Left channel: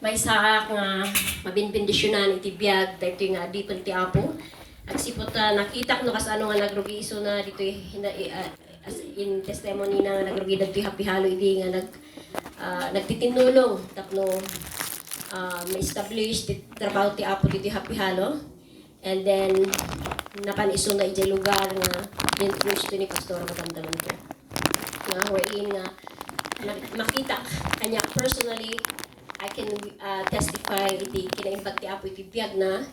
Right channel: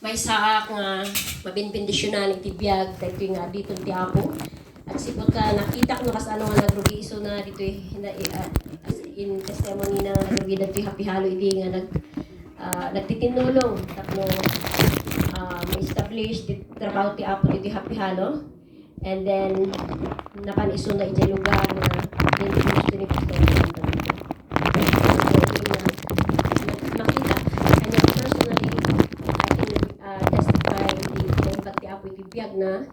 may saak nga mabinbindisyonan iti biyag dito nga di ti Apo. Agsipot nakita ko no kas ano nga nagrugi iso na dito as in testimony na nagrugi dito hapihalo iti nga nagtitinulong tapno ma-establish ti trabaho ti Apo dito hapihalo. And then napaniso na iti lugar nga introduce ni Pastor Brandon. Makita kanya personally I can testify di kinaimbag ti Apo iti biyag na.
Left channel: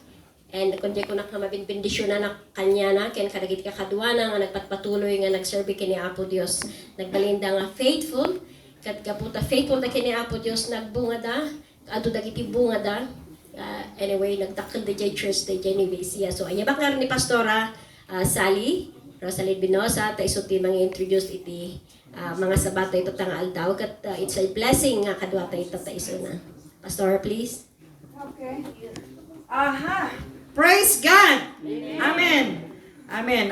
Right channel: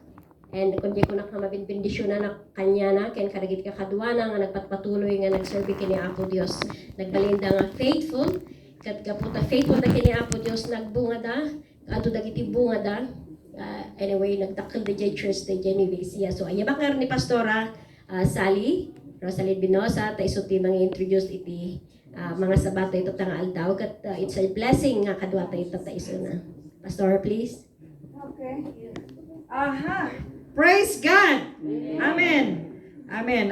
And kung di ko nakamabinbindisyon na kanya na, kaya kadagit kakadwa na nga nagpatpatuloy nga nagserbi kini Apo Dios. Nagbalinda nga faithful, kat kaputa faithful na kini Apo Dios nagbunga da, ato dagiti bunga da. Anyway, nagtakal da jay church da jay ni Besia. So, ayabak nga rin ni Pastora Sally, Rosalie Binosa, ta iso ti mga introduce iti mga sabato ito tanga aldaw, kat it's a blessing nga kadwa ta ito ta iso na. Pastor, please. Okay. Aha. Praise God! Amen! Amen.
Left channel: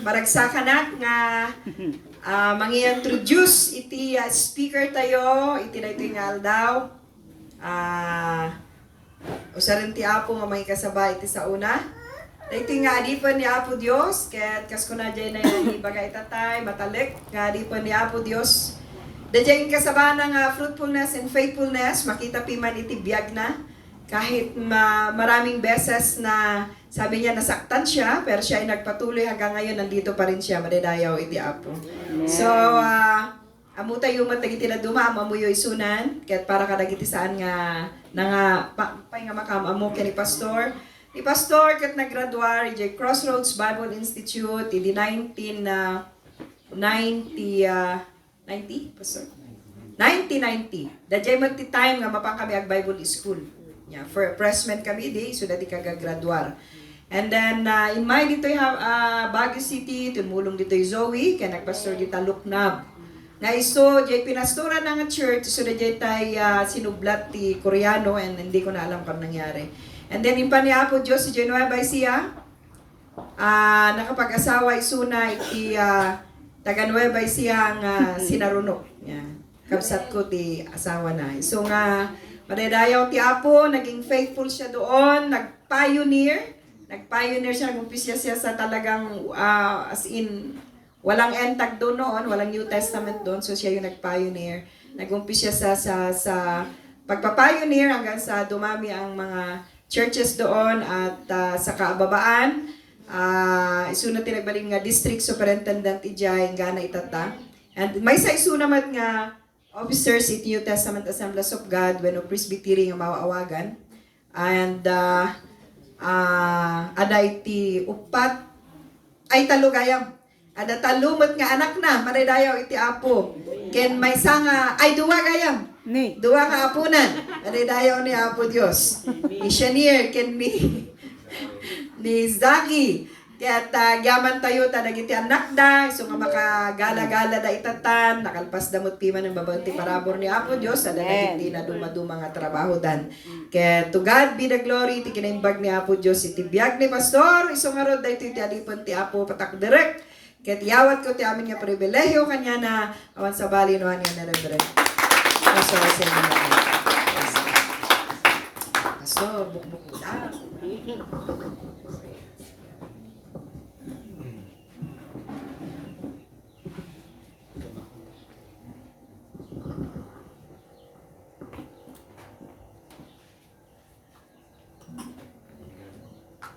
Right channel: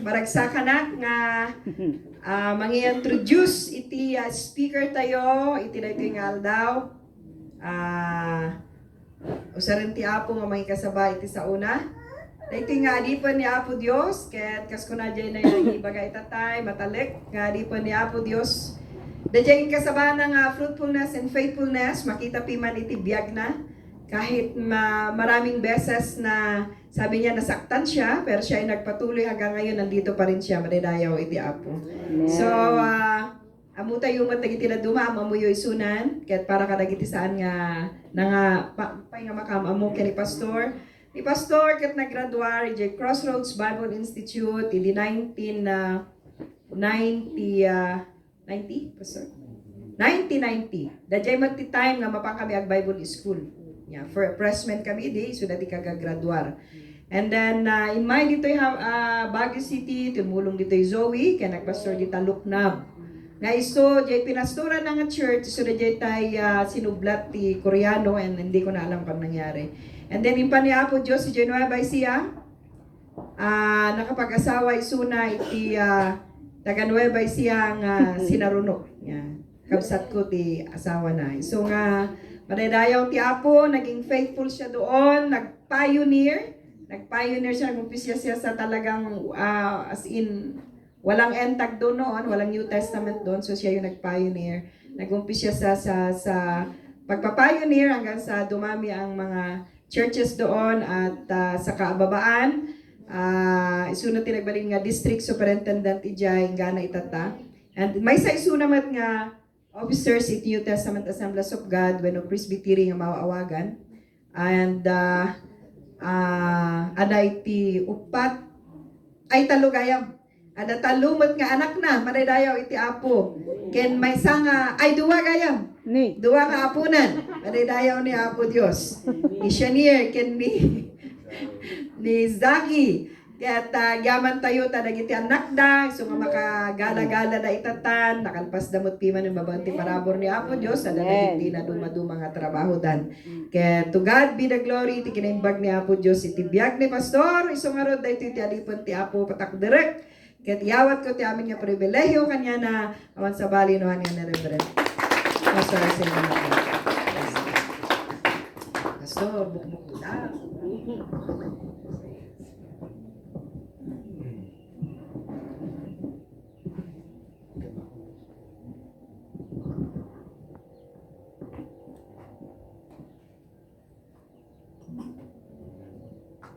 Maragsakan nga mangi-introduce iti speaker tayo, iti na ito nga aldaw. Usaran ti Apo nga mga kasabay iti sa una. Ito nga adipan ni Apo Dios, ket kas ko na dyan na yung ibagay tatay, matalik, nga adipan ni Apo Dios. Dyan kasaba ng fruitfulness and faithfulness, makita piman iti biyag na. Kahit maraming beses na sabi niya nasaktan siya, pero siya ay nagpatuloy hanggang ngayon, nandito pa rin siya, madidayaw iti Apo. So, amo tayo matagiti na duma, amuyo isunan, kahit para kadagiti saan nga, nga makam, amo kaya ni Pastor. Ni Pastor, kahit naggraduar, iti Crossroads Bible Institute, iti 1990, Pastor? 1990. Dajay mo ti time nga mapang kami ag Bible School. Yeah, for freshman kami di, so dati kagagraduar. And then, in my dito yung Baguio City, tumulong dito yung Zoe, kaya nagpastor dito Luknab. Nga iso, jay pinastora na nga church, so dajay tayo sinublat ti Koreano, and hindi ko na alam kung nangyari. And then, impa ni Apo Diyos, si Jay Nueva siya, nakapag-asawa isuna iti taga Nueva siya nga sinarunok. Yeah. Kabsat ko ti asawa na. So nga, madadayaw ti Apo, naging faithful siya doon, nag-pioneer siya, nag-umpisa siya sa talagang, as in, walang entag doon noon, walang New Testament doon, so siya yung nag-pioneer. Nag-umpisa siya sa pagpa-pioneer hanggang sa dumami ang mga churches doon at sa kaababaan, isuna tinagbaling nga district superintendent ijay, nga na itata. And may sa isunamat nga, officers iti New Testament Assemblies of God when of Presbytery nga mawaawagan. And ada iti upat ay talugayam. Ada talumot nga anak na madadayaw iti Apo. Ken may nga ay duwa gayam. Duwa nga apunan. Madadayaw ni Apo Dios. Ni Shanier ken ni Zaki. Kaya yaman tayo tanag iti anak da, so nga makagala-gala da itatan, nakalpas damot piman ng babanti parabor ni Apo Diyos, sa hindi na dumaduma nga trabaho dan. Kaya to God be the glory, iti kinaimbag ni Apo Diyos, iti biyag ni Pastor, isong arod da ito iti alipon ti Apo patak direct, kaya tiyawat ko ti amin nga pribilehyo kanya na awan sa bali no niya na reverend. Pastor, sa inyo na. Pastor, bukbuk lang.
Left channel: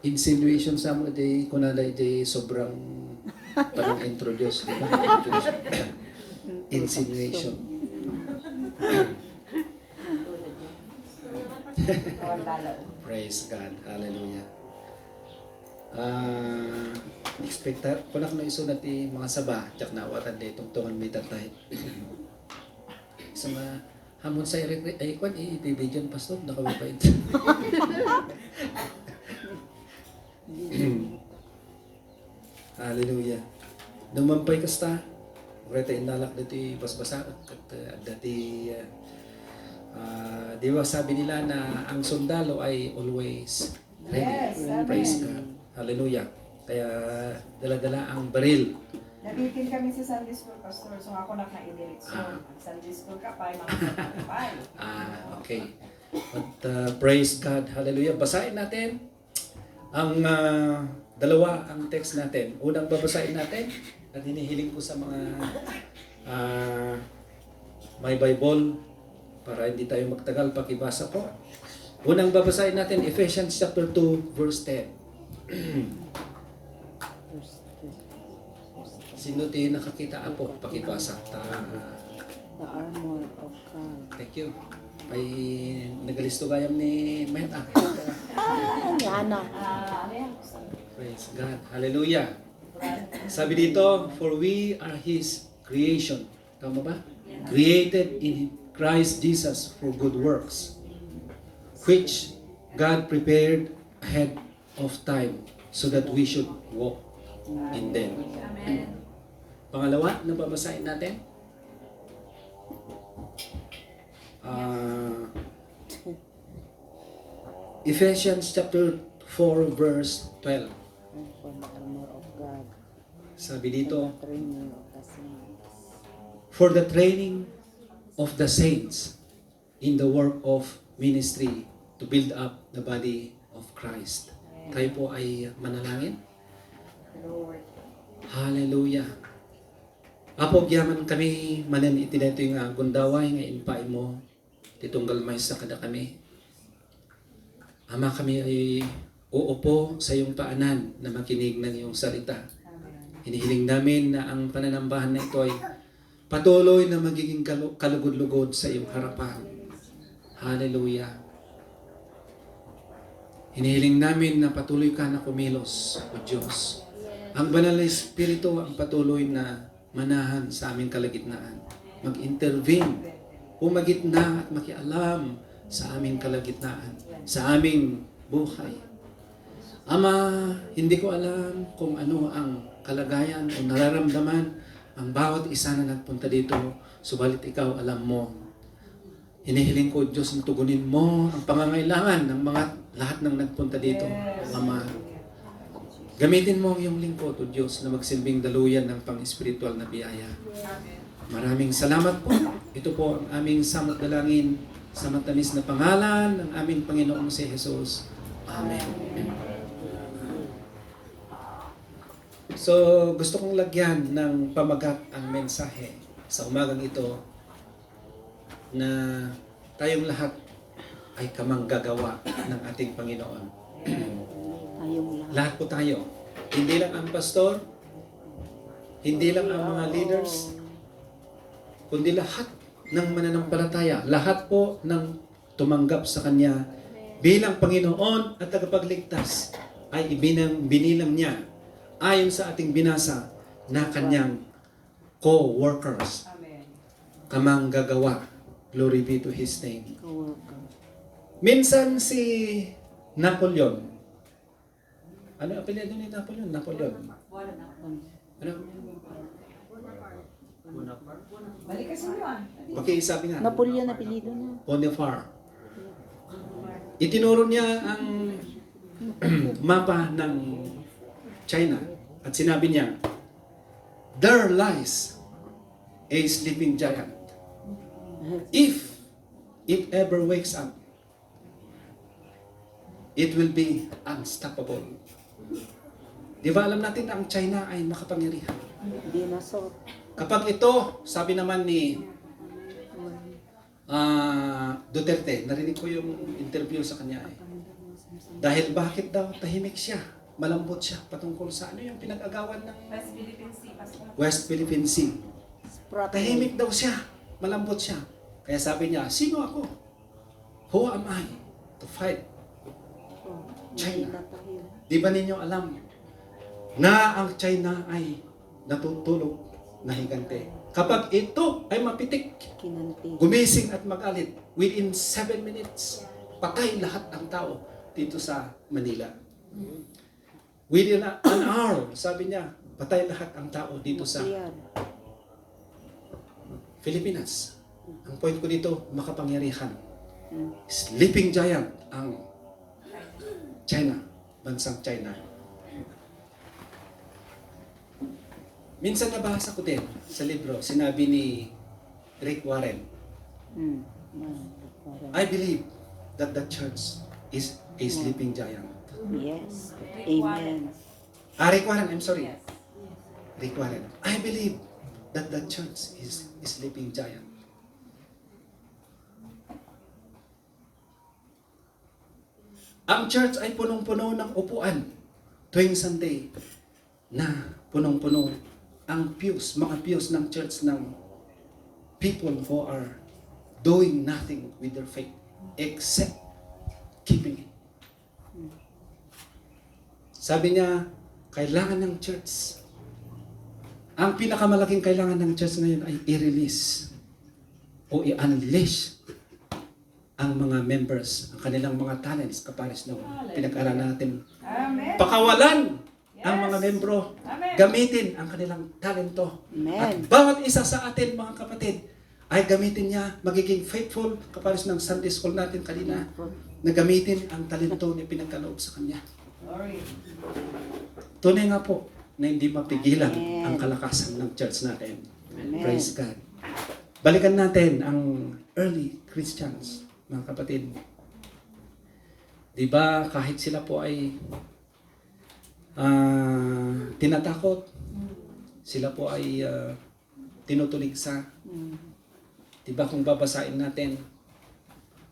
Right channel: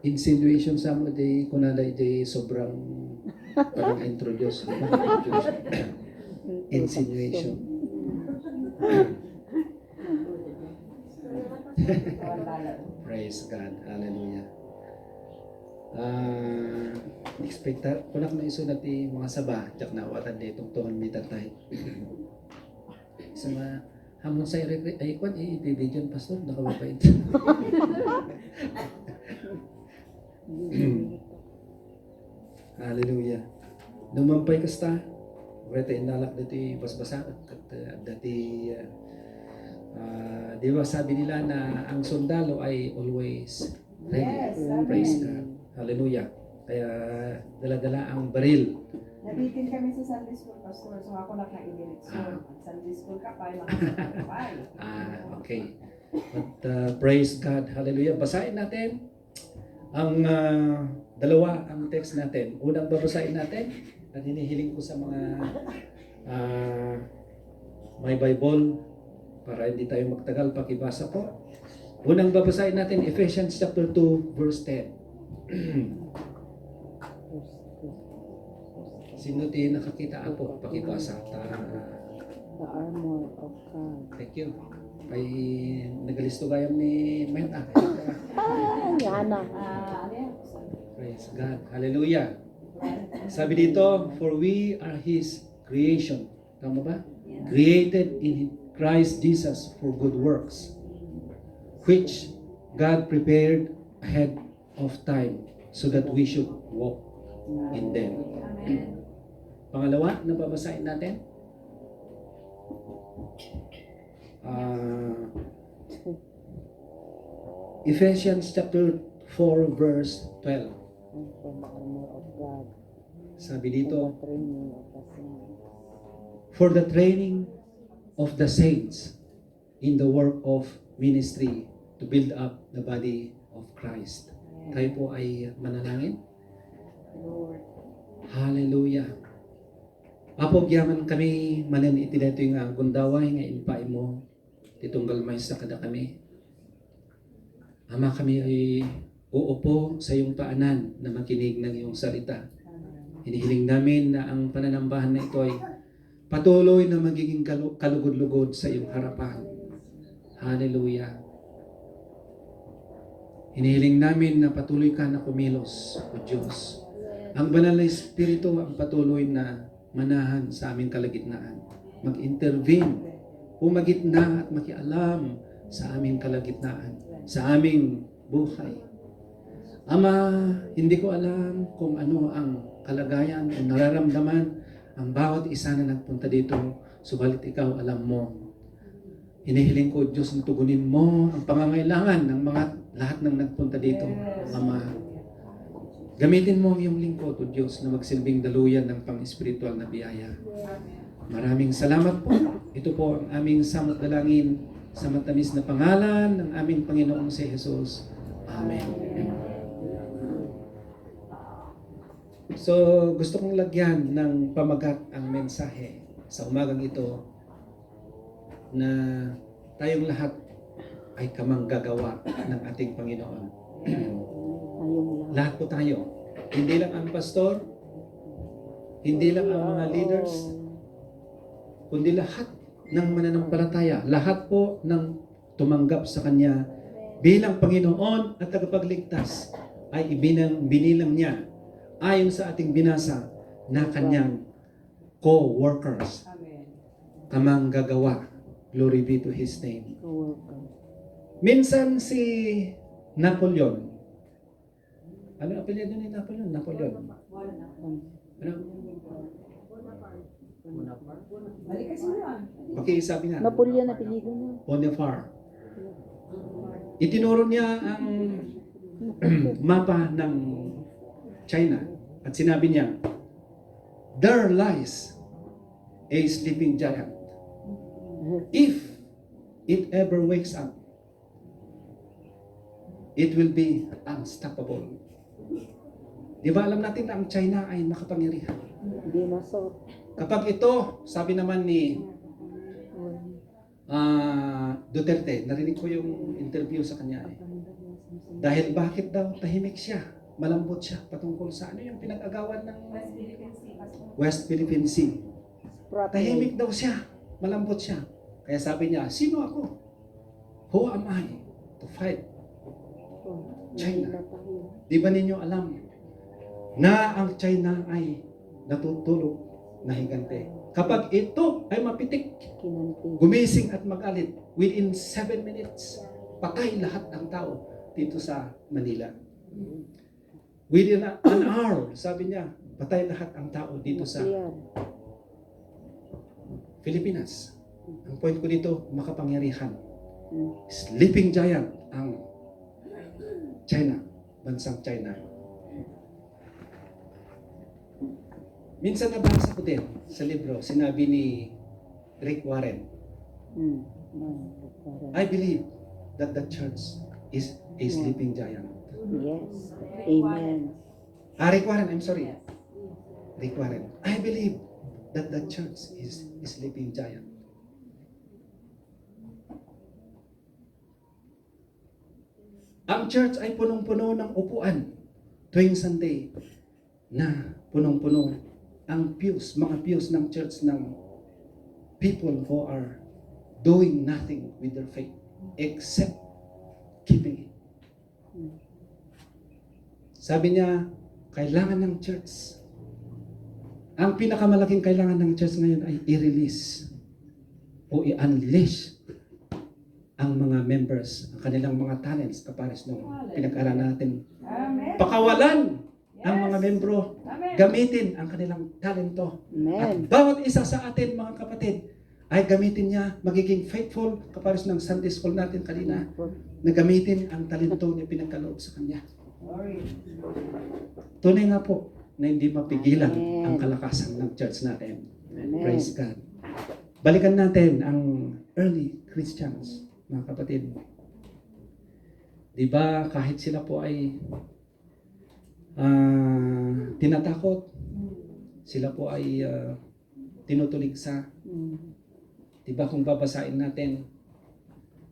Insinuation sa mo di kunalay di sobrang parang introduce, di ba? Insinuation. Praise God. Hallelujah. Expecta kunak na iso nati mga saba jak nawatan di tungtungan mi tatay. Sa mga hamon sa ay kwan i-video pastor nakawapay. Hallelujah. Dumampay kasta. Reta inalak dati basbasa at dati di ba sabi nila na ang sundalo ay always ready. Yes, Praise amen. God. Hallelujah. Kaya dala-dala ang baril. Nabitin kami sa Sunday School, Pastor, so ako naka-idireksyon. Sunday School ka pa, mga okay. Okay. At praise God. Hallelujah. Basahin natin ang dalawa ang text natin. Unang babasahin natin at hinihiling ko sa mga may Bible para hindi tayo magtagal pakibasa po. Unang babasahin natin Ephesians chapter 2 verse 10. Sino tayo nakakita po pakibasa? The armor of God. Thank you. Ay nagalisto gayam ni Meta. Yana. Praise God. Hallelujah. Sabi dito, for we are His creation. Tama ba? Created in Christ Jesus for good works, which God prepared ahead of time so that we should walk in them. Pangalawa, nababasahin natin. Ephesians chapter 4 verse 12. For the armor of God. Sabi dito, Training of the saints. for the training of the saints in the work of ministry to build up the body of Christ. Tayo po ay manalangin. Lord. Hallelujah. Apo gyaman kami manen iti dito yung gundaway nga impay mo titunggal may sa kada kami. Ama kami ay uupo sa iyong paanan na makinig ng iyong salita. Hinihiling namin na ang pananambahan na ito ay patuloy na magiging kalugod-lugod sa iyong harapan. Hallelujah. Hinihiling namin na patuloy ka na kumilos, O Diyos. Ang banal na Espiritu ang patuloy na manahan sa aming kalagitnaan. Mag-intervene, umagitna at makialam sa aming kalagitnaan, sa aming buhay. Ama, hindi ko alam kung ano ang kalagayan o nararamdaman ang bawat isa na nagpunta dito, subalit ikaw alam mo. Hinihiling ko, Diyos, ang tugunin mo ang pangangailangan ng mga lahat ng nagpunta dito, Ama. Gamitin mo ang iyong lingkod, O Diyos, na magsilbing daluyan ng pang-espiritual na biyaya. Maraming salamat po. Ito po ang aming samot dalangin sa matamis na pangalan ng aming Panginoong si Jesus. Amen. So, gusto kong lagyan ng pamagat ang mensahe sa umagang ito na tayong lahat ay kamanggagawa ng ating Panginoon. Tayong lahat. Lahat po tayo. Hindi lang ang pastor, hindi lang ang mga leaders, kundi lahat ng mananampalataya, lahat po ng tumanggap sa Kanya bilang Panginoon at tagapagligtas ay binilang niya ayon sa ating binasa na Kanyang co-workers. Kamanggagawa. Glory be to His name. Kawakan. Minsan si Napoleon, ano ang apelyido ni Napoleon? Napoleon. Ano? Pakisabi nga. Napoleon na pilido niya. Bonaparte. Itinuro niya ang mapa ng China at sinabi niya, there lies a sleeping giant. If it ever wakes up, it will be unstoppable. Di ba alam natin na ang China ay makapangyarihan? Dinosaur. Kapag ito, sabi naman ni Duterte, narinig ko yung interview sa kanya. Dahil bakit daw tahimik siya? Malambot siya patungkol sa ano yung pinag-agawan ng West Philippine Sea. Tahimik daw siya. Malambot siya. Kaya sabi niya, sino ako? Who am I to fight China? Di ba ninyo alam na ang China ay natutulog na higante? Kapag ito ay mapitik, Kinanti. gumising at magalit, within 7 minutes, patay lahat ang tao dito sa Manila. Within an hour, sabi niya, patay lahat ang tao dito sa Nuclear. Pilipinas. Ang point ko dito, makapangyarihan. Hmm. Sleeping giant ang China, bansang China. Minsan nabasa ko din sa libro, sinabi ni Rick Warren, Hmm. I believe that the church is a sleeping giant. Yes. Amen. Rick Warren, I'm sorry. Rick Warren. I believe that the church is a sleeping giant. Ang church ay punong-puno ng upuan tuwing Sunday na punong-puno ang pews, mga pews ng church ng people who are doing nothing with their faith except keeping it. Sabi niya, kailangan ng church, ang pinakamalaking kailangan ng church ngayon ay i-release o i-unleash ang mga members, ang kanilang mga talents, kapares ng pinag-aralan natin. Pakawalan ang mga membro, gamitin ang kanilang talento. At Amen. bawat isa sa atin, mga kapatid, ay gamitin niya, magiging faithful, kapares ng Sunday school natin kanina, na gamitin ang talento na pinagkaloob sa kanya. Tunay nga po na hindi mapigilan ang kalakasan ng church natin. Amen. Praise God. Balikan natin ang early Christians, mga kapatid. Di ba kahit sila po ay tinatakot, sila po ay tinutuligsa. Di ba kung babasain natin,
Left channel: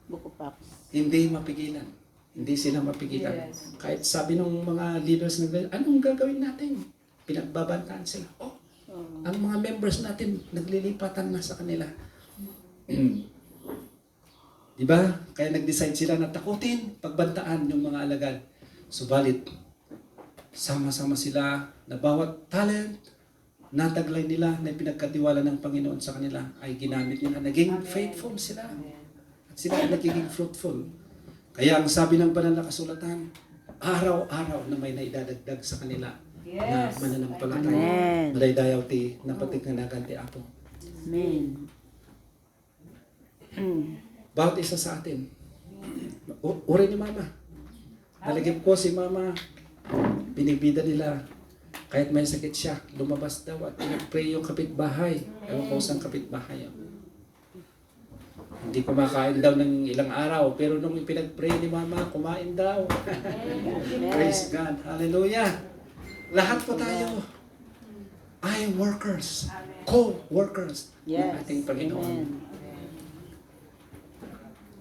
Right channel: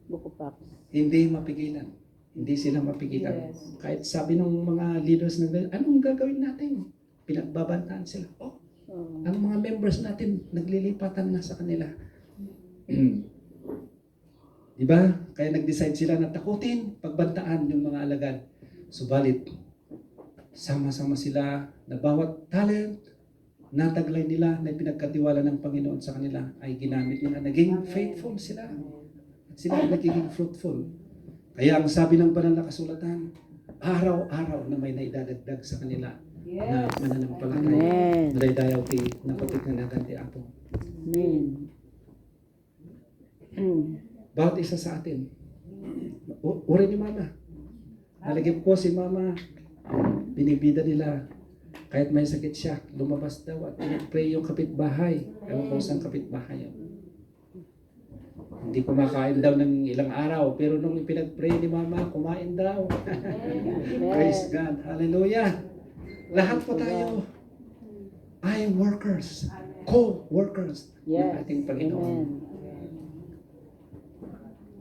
Buko pa. hindi mapigilan. Hindi sila mapigilan. Kahit sabi ng mga leaders ng anong gagawin natin? Pinagbabantaan sila. Oh, ang mga members natin naglilipatan na sa kanila. Di ba? Kaya nag-decide sila na takutin, pagbantaan yung mga alagad. Subalit, sama-sama sila na bawat talent, nataglay nila na pinagkatiwala ng Panginoon sa kanila ay ginamit nila. Naging faithful sila. At sila ay nagiging fruitful. Kaya ang sabi ng banal na kasulatan, araw-araw na may naidadagdag sa kanila na mananampalataya. Amen. Madaydayaw ti napatit nga nagan ti Apo. Amen. Bawat isa sa atin. Uri ni Mama. Nalagip ko si Mama, binibida nila. Kahit may sakit siya, lumabas daw at pinag-pray yung kapitbahay. Ewan ko saan kapitbahay. Hindi kumakain daw ng ilang araw, pero nung pinag-pray ni Mama, kumain daw. Praise God. Hallelujah. Lahat po tayo ay workers, co-workers ng Yes. ating Panginoon. Amen.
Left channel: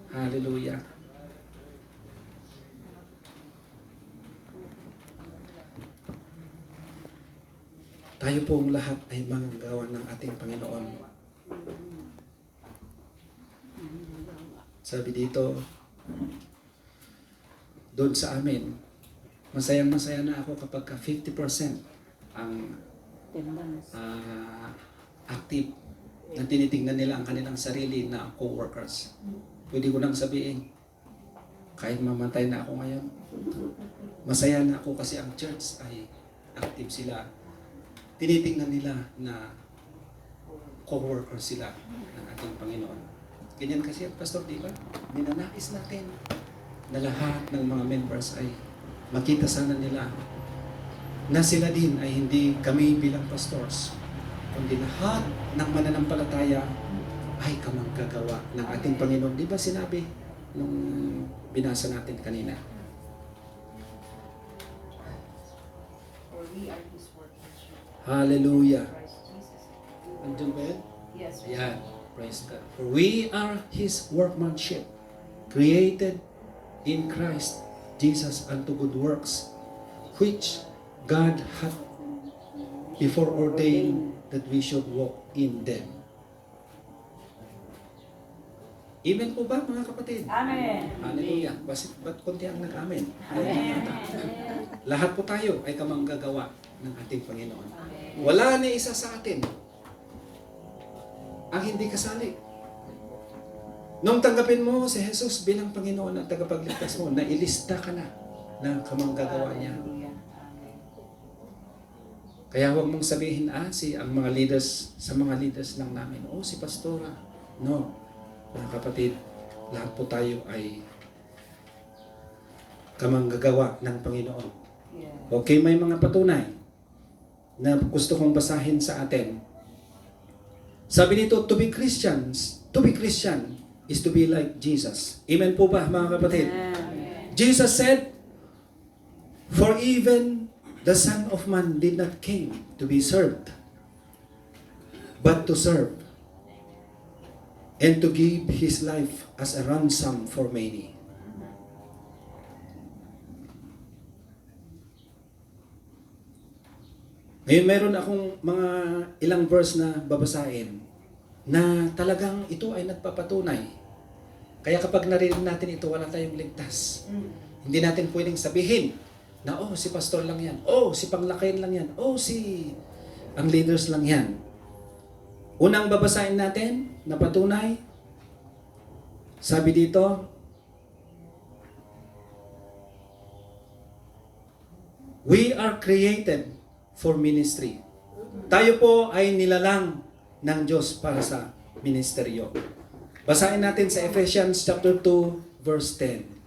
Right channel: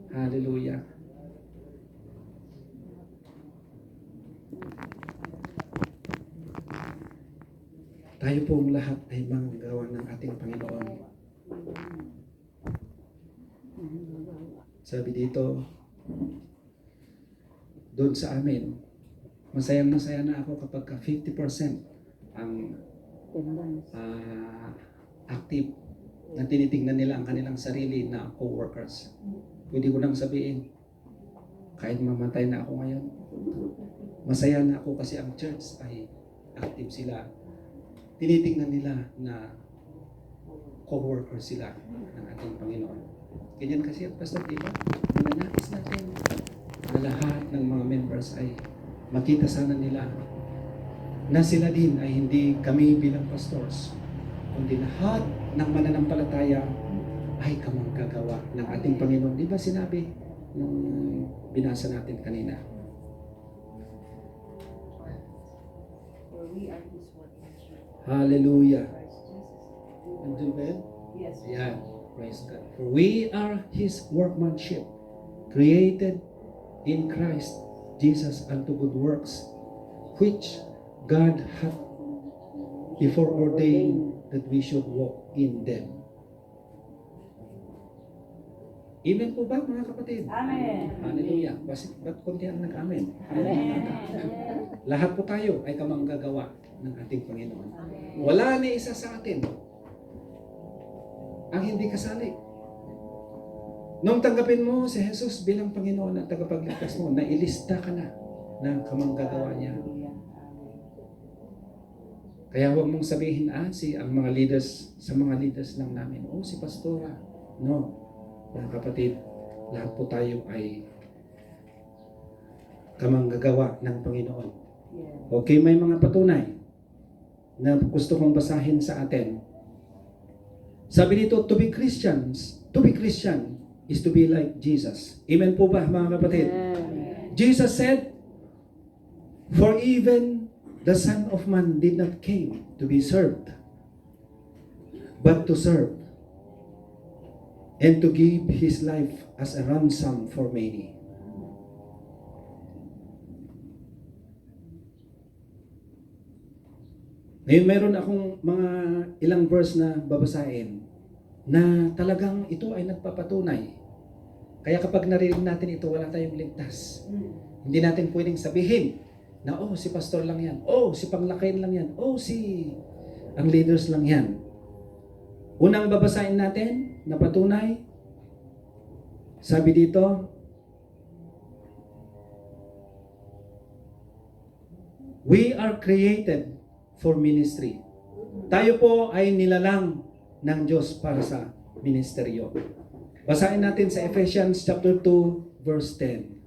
Hallelujah. Tayo pong lahat ay manggagawa ng ating Panginoon. Sabi dito, doon sa amin, masayang-masaya na ako kapag 50% ang active na tinitingnan nila ang kanilang sarili na co-workers. Pwede ko nang sabihin, kahit mamatay na ako ngayon, masaya na ako kasi ang church ay active sila. Tinitingnan nila na co-workers sila ng ating Panginoon. Ganyan kasi ang pastor, di ba? Ninanais natin na lahat ng mga members ay makita sana nila na sila din ay hindi kami bilang pastors, kundi lahat ng mananampalataya ay kamanggagawa ng ating Panginoon. Di ba sinabi nung binasa natin kanina? Hallelujah. Andiyan ba yun? Yes. Yan. Praise God. For we are His workmanship, created in Christ Jesus unto good works, which God hath before ordained that we should walk in them. Amen po ba, mga kapatid? Amen. Hallelujah. Ba't konti ang nag-amen? Lahat po tayo ay kamanggagawa ng ating Panginoon. Wala ni isa sa atin ang hindi kasali. Nung tanggapin mo si Jesus bilang Panginoon at tagapagligtas mo, nailista ka na ng kamanggagawa niya. Kaya huwag mong sabihin, ang mga leaders, sa mga leaders lang namin, si pastora. No. Mga kapatid, lahat po tayo ay kamanggagawa ng Panginoon. Okay, may mga patunay na gusto kong basahin sa atin. Sabi dito, to be Christian is to be like Jesus. Amen po ba, mga kapatid? Jesus said, "For even the Son of Man did not came to be served, but to serve, and to give His life as a ransom for many." Ngayon, meron akong mga ilang verse na babasahin na talagang ito ay nagpapatunay. Kaya kapag narinig natin ito, wala tayong ligtas. Hindi natin pwedeng sabihin na, oh, si pastor lang yan. Oh, si panglakayin lang yan. Oh, si ang leaders lang yan. Unang babasahin natin na patunay, sabi dito, we are created for ministry. Tayo po ay nilalang ng Diyos para sa ministeryo. Basahin natin sa Ephesians chapter 2 verse 10.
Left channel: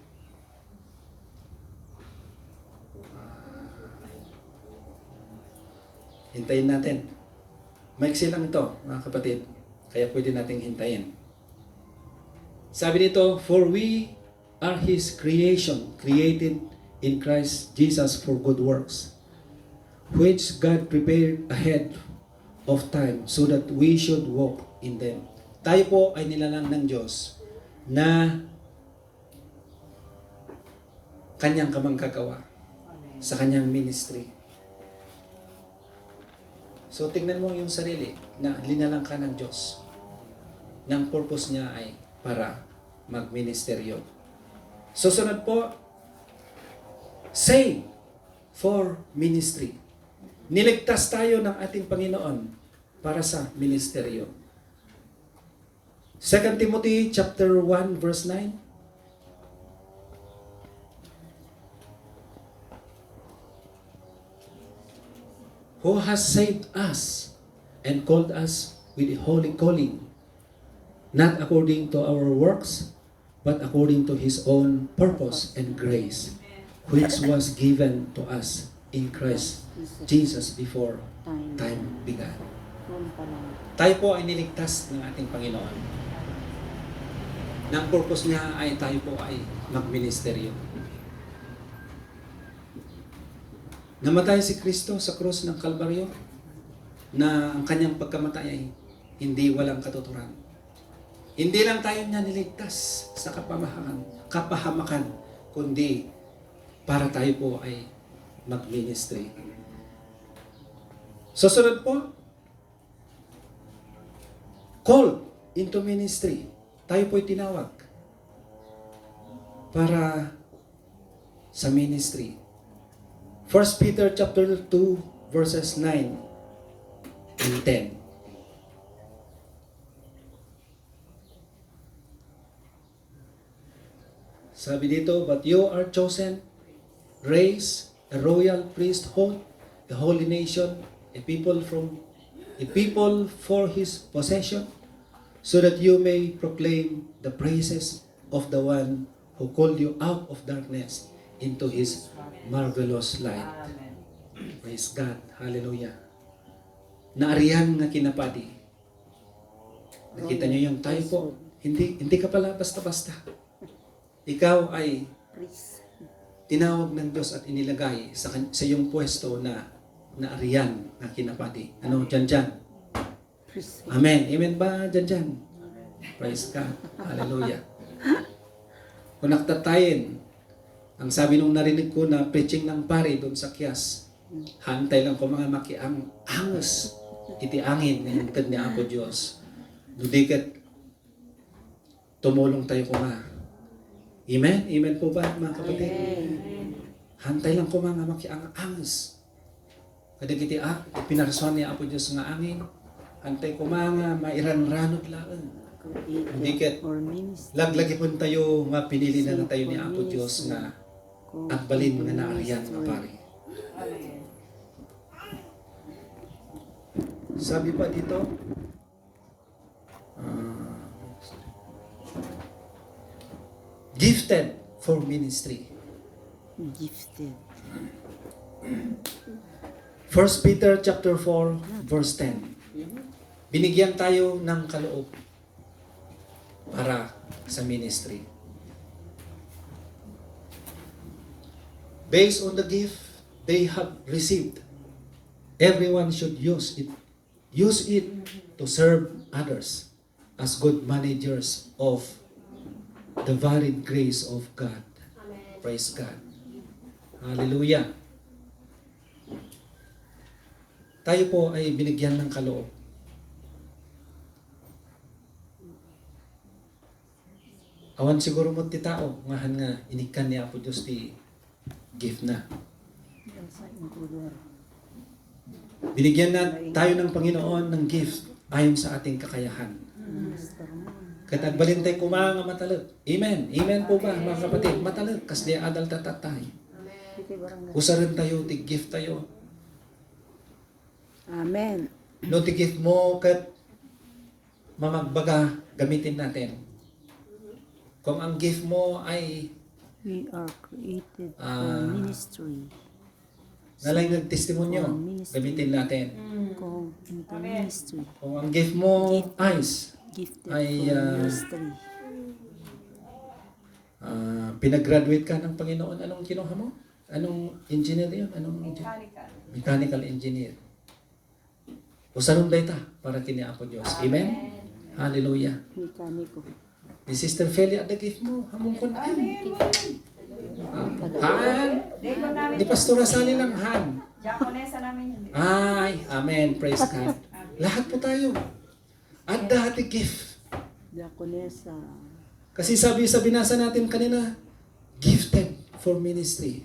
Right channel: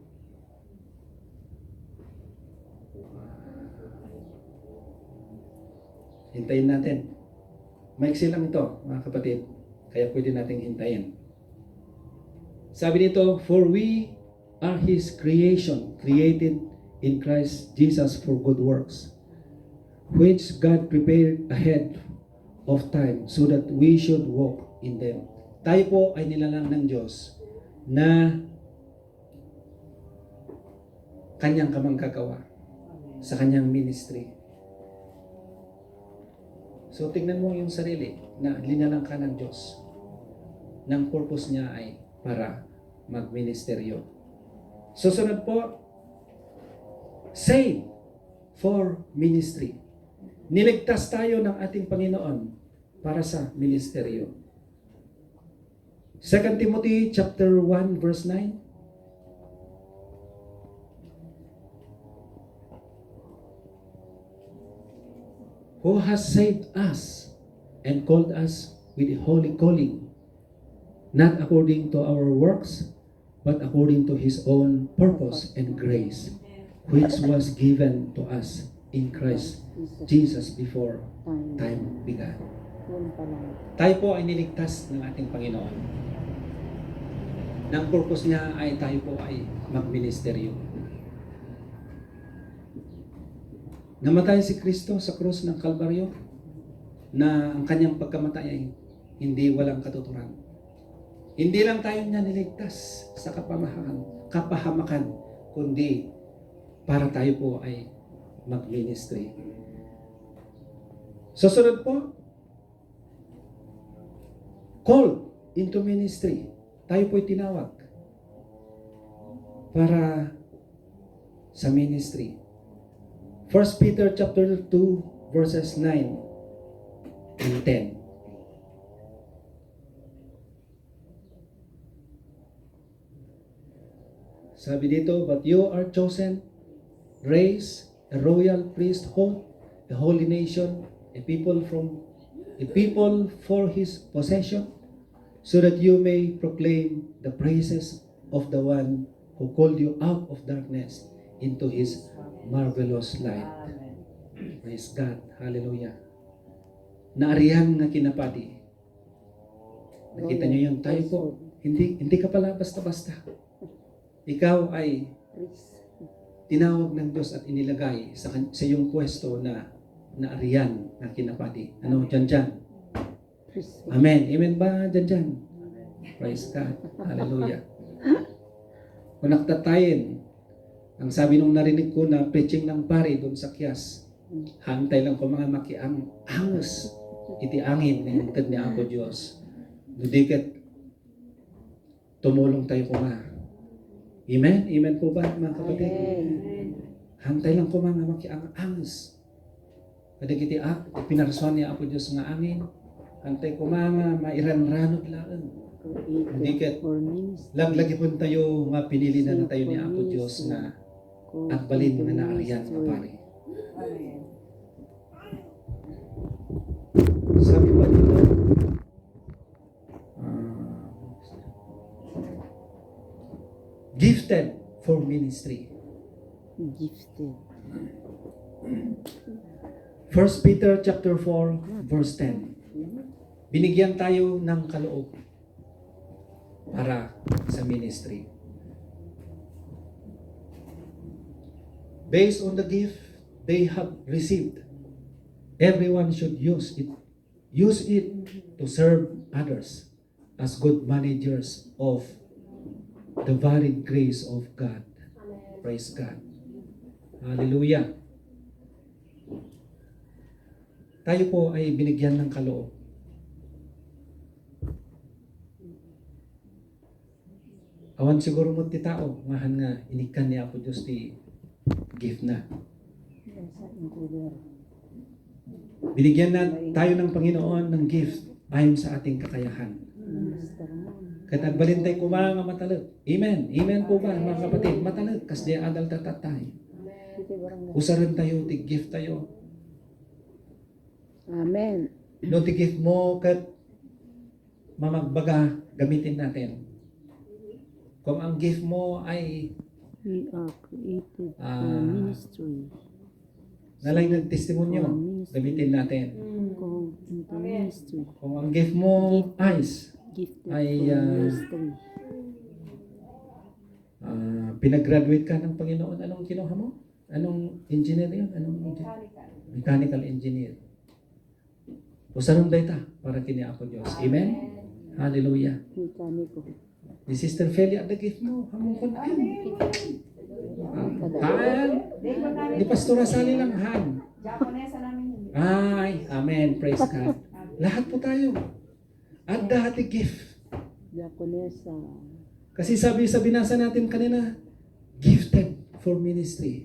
Hintayin natin. Maiksi lang ito, mga kapatid. Kaya pwede nating hintayin. Sabi dito, "For we are His creation, created in Christ Jesus for good works, which God prepared ahead of time so that we should walk in them." Tayo po ay nilalang ng Diyos na Kanyang kamanggagawa sa Kanyang ministry. So tingnan mo yung sarili na linalang ka ng Diyos. Ng purpose niya ay para magministeryo. Susunod po, save for ministry. Niligtas tayo ng ating Panginoon para sa ministeryo. 2 Timothy chapter 1 verse 9. Who has saved us and called us with a holy calling, not according to our works, but according to His own purpose and grace, which was given to us in Christ Jesus before time began. Tayo po ay niligtas ng ating Panginoon. Ng purpose niya ay tayo po ay magministeryo. Namatay si Kristo sa krus ng Kalbaryo na ang kanyang pagkamatay ay hindi walang katuturan. Hindi lang tayo niya niligtas sa kapahamakan, kundi para tayo po ay mag-ministry. Susunod po, called into ministry. Tayo po'y tinawag para sa ministry. 1 Peter chapter 2 verses 9 and 10. Sabi dito, "But you are chosen, race, a royal priesthood, a holy nation, a people for His possession, so that you may proclaim the praises of the one who called you out of darkness into His marvelous light." Praise God. Hallelujah. Naariyan nga kinapati. Nakita niyo yung tayo po. Hindi ka pala basta-basta. Ikaw ay tinawag ng Diyos at inilagay sa iyong pwesto na naariyan nga kinapati. Ano, dyan. Amen. Amen ba dyan? Praise God. Hallelujah. Kung naktatayin, ang sabi nung narinig ko na preaching ng pari doon sa Kias, hantay lang ko mga makiang-angos, iti angin, nilintad ni Apo Diyos. Dudikat, tumulong tayo ko nga. Amen? Amen po ba, mga kapatid? Hantay lang ko mga makiang-angos. Kadagiti pinarasuan ni Apo Diyos nga angin, hantay ko mga mairan-ranog laan. Dikit, laglagi po tayo nga pinili na tayo ni Apo Diyos nga agbalin nga naariyan nga pari. Sabi pa dito, gifted for ministry. Gifted. 1 Peter chapter 4 verse 10. Binigyan tayo ng kaloob para sa ministry. Based on the gift they have received, everyone should use it. Use it to serve others as good managers of the varied grace of God. Praise God. Hallelujah. Tayo po ay binigyan ng kaloob. Awan siguro mo ti tao, ngahan nga inikan niya po Diyos ti gift na. Binigyan na tayo ng Panginoon ng gift ayon sa ating kakayahan. Katagbalin tayo kumanga matalag. Amen. Amen po ba mga kapatid? Matalag. Kas di adal tatatay. Usarin tayo, ti gift tayo. Amen. No, ti gift mo kat mamagbaga gamitin natin. Kung ang gift mo ay We are created for Ah. ministry. nalay nagtestimonyo, gamitin natin. Go into ministry. Kung ang gift mo eyes, Gifted Ay, for ministry. pinag-graduate ka ng Panginoon, anong kinuha mo? Anong engineer yun? Mechanical engineer. Usaron day ta para kini ako Diyos. Amen? Hallelujah. Mekaniko. Ni Sister Felia, the gift mo, hamong kon. Han. Ni Pastora Sally lang, han. Japonesa namin yun. Ay, amen. Praise God. Lahat po tayo. At dati gift. Diakonesa. Kasi sabi sa binasa natin kanina, gifted for ministry.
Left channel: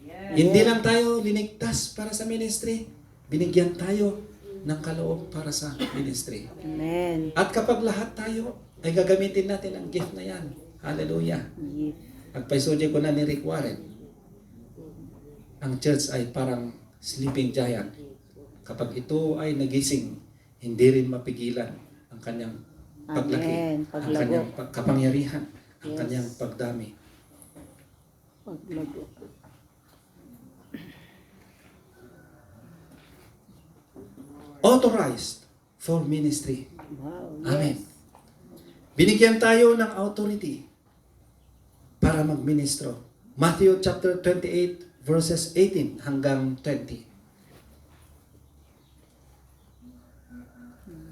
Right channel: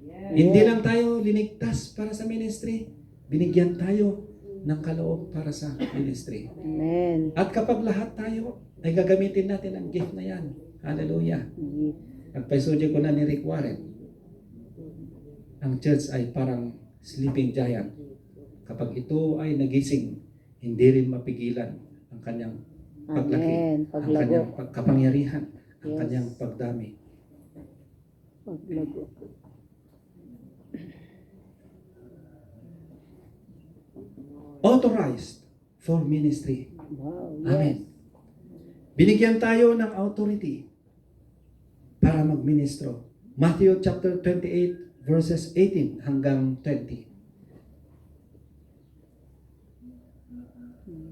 Yes. Hindi lang tayo linigtas para sa ministry. Binigyan tayo ng kaloob para sa ministry. Amen. At kapag lahat tayo ay gagamitin natin ang gift na yan. Hallelujah. Gift. Pagpaisudya ko na ni Rick Warren, ang church ay parang sleeping giant. Kapag ito ay nagising, hindi rin mapigilan ang kanyang paglaki, Amen. ang kanyang Paglago. kapangyarihan, ang Yes. kanyang pagdami. Paglago. Authorized for ministry. Wow. Amen. Binigyan tayo ng authority para magministro. Matthew chapter 28 verses 18 hanggang 20.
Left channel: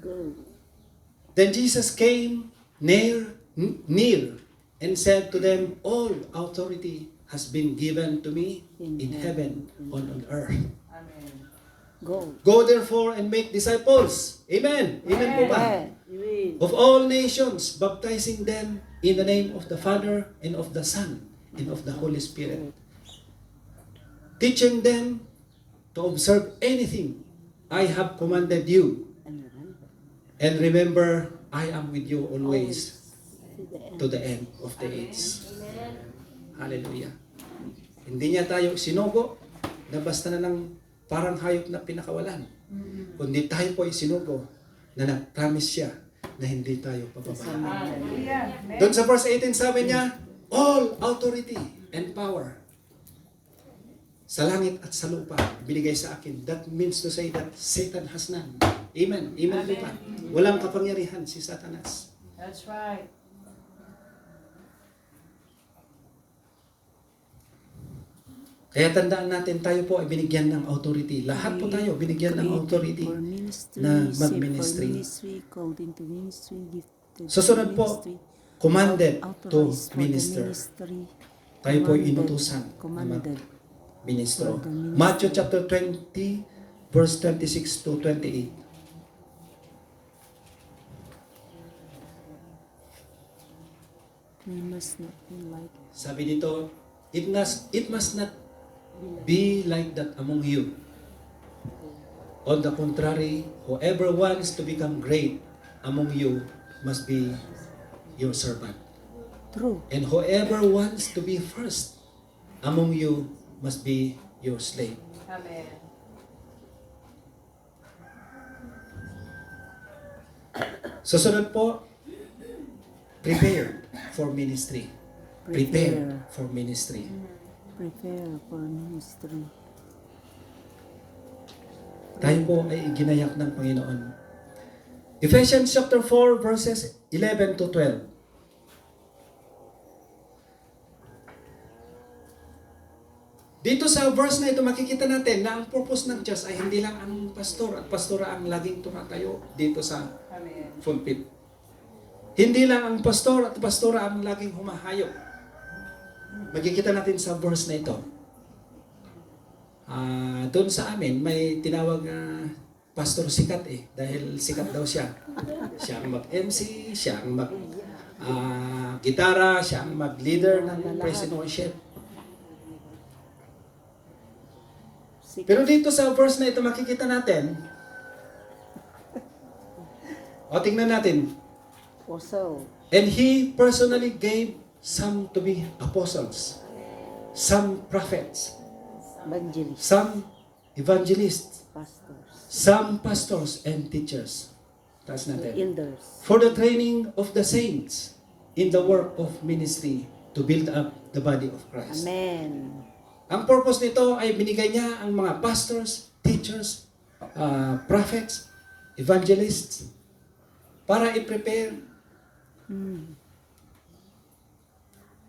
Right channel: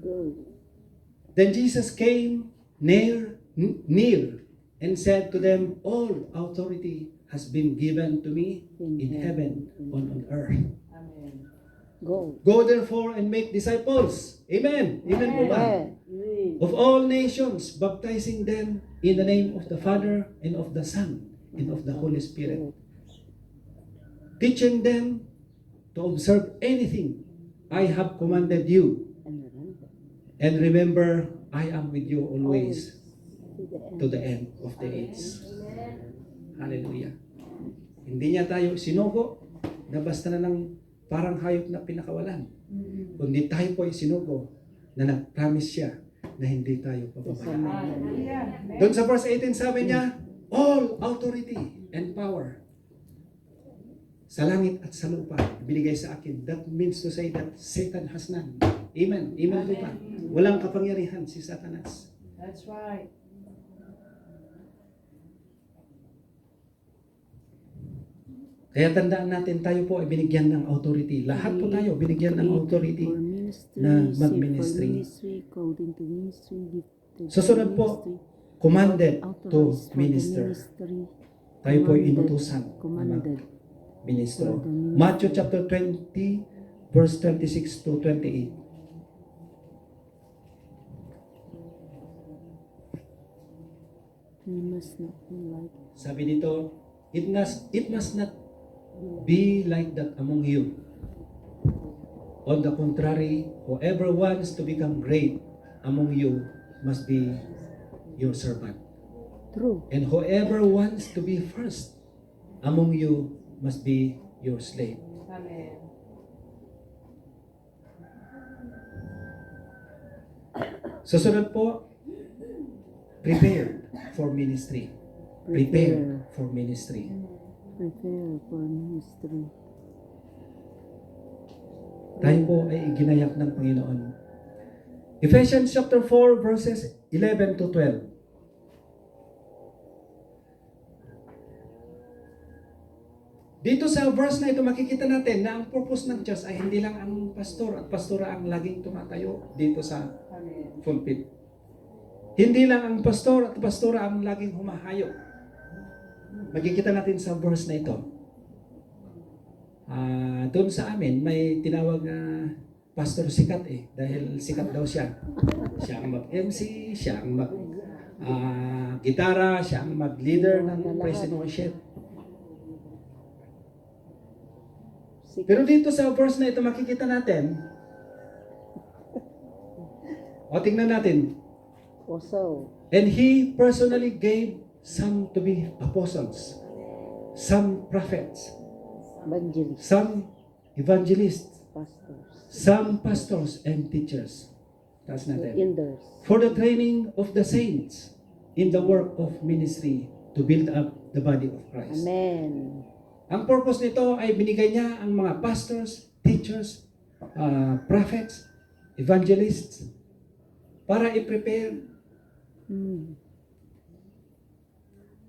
Go. Then Jesus came near and said to them, all authority has been given to me in heaven and on earth. Amen. Go. Go therefore and make disciples. Amen. Amen po ba? Amen. Amen. Of all nations, baptizing them in the name of the Father and of the Son and of the Holy Spirit. Teaching them to observe anything I have commanded you. And remember, I am with you always to the end of the age. Hallelujah. Hindi niya tayo sinugo na basta na lang parang hayop na pinakawalan. Kundi tayo po ay sinugo na nag-promise siya na hindi tayo pababayaan. Hallelujah. Amen. Doon sa verse 18 sabi niya, all authority and power sa langit at sa lupa binigay sa akin. That means to say that Satan has none. Amen. Amen po ba? Walang kapangyarihan si Satanas. That's right. Kaya tandaan natin, tayo po ay binigyan ng authority. Lahat po tayo binigyan ng authority For ministry, na save for mag-ministry. ministry, called into ministry, gifted Susunod po, ministry, commanded to authorized for the minister. ministry, Tayo po ay commanded, inutusan na commanded. mag-ministro. For the ministry. Matthew chapter 20, verse 26 to 28. We must not be like Sabi dito, it must not be like that among you. On the contrary, whoever wants to become great among you must be your servant. true. And whoever wants to be first among you must be your slave. Amen. Susunod po, prepare for ministry. Prepare for ministry. Prepare for ministry. Tayo po ay ginayak ng Panginoon. Ephesians chapter 4 verses 11 to 12. Dito sa verse na ito, makikita natin na ang purpose ng church ay hindi lang ang pastor at pastora ang laging tumatayo dito sa Amen. pulpit. Hindi lang ang pastor at pastora ang laging humahayop. Makikita natin sa verse na ito. Doon sa amin, may tinawag na pastor sikat dahil sikat daw siya. Siya ang mag-MC, siya ang mag-gitara, siya ang mag-leader ng praise and worship. Pero dito sa verse na ito, makikita natin, tingnan natin, Also, and he personally gave some to be apostles, some prophets, evangelist, some evangelists, pastors, some pastors and teachers. Taas natin. elders. For the training of the saints in the work of ministry to build up the body of Christ. Amen. Ang purpose nito ay binigay niya ang mga pastors, teachers, prophets, evangelists para i-prepare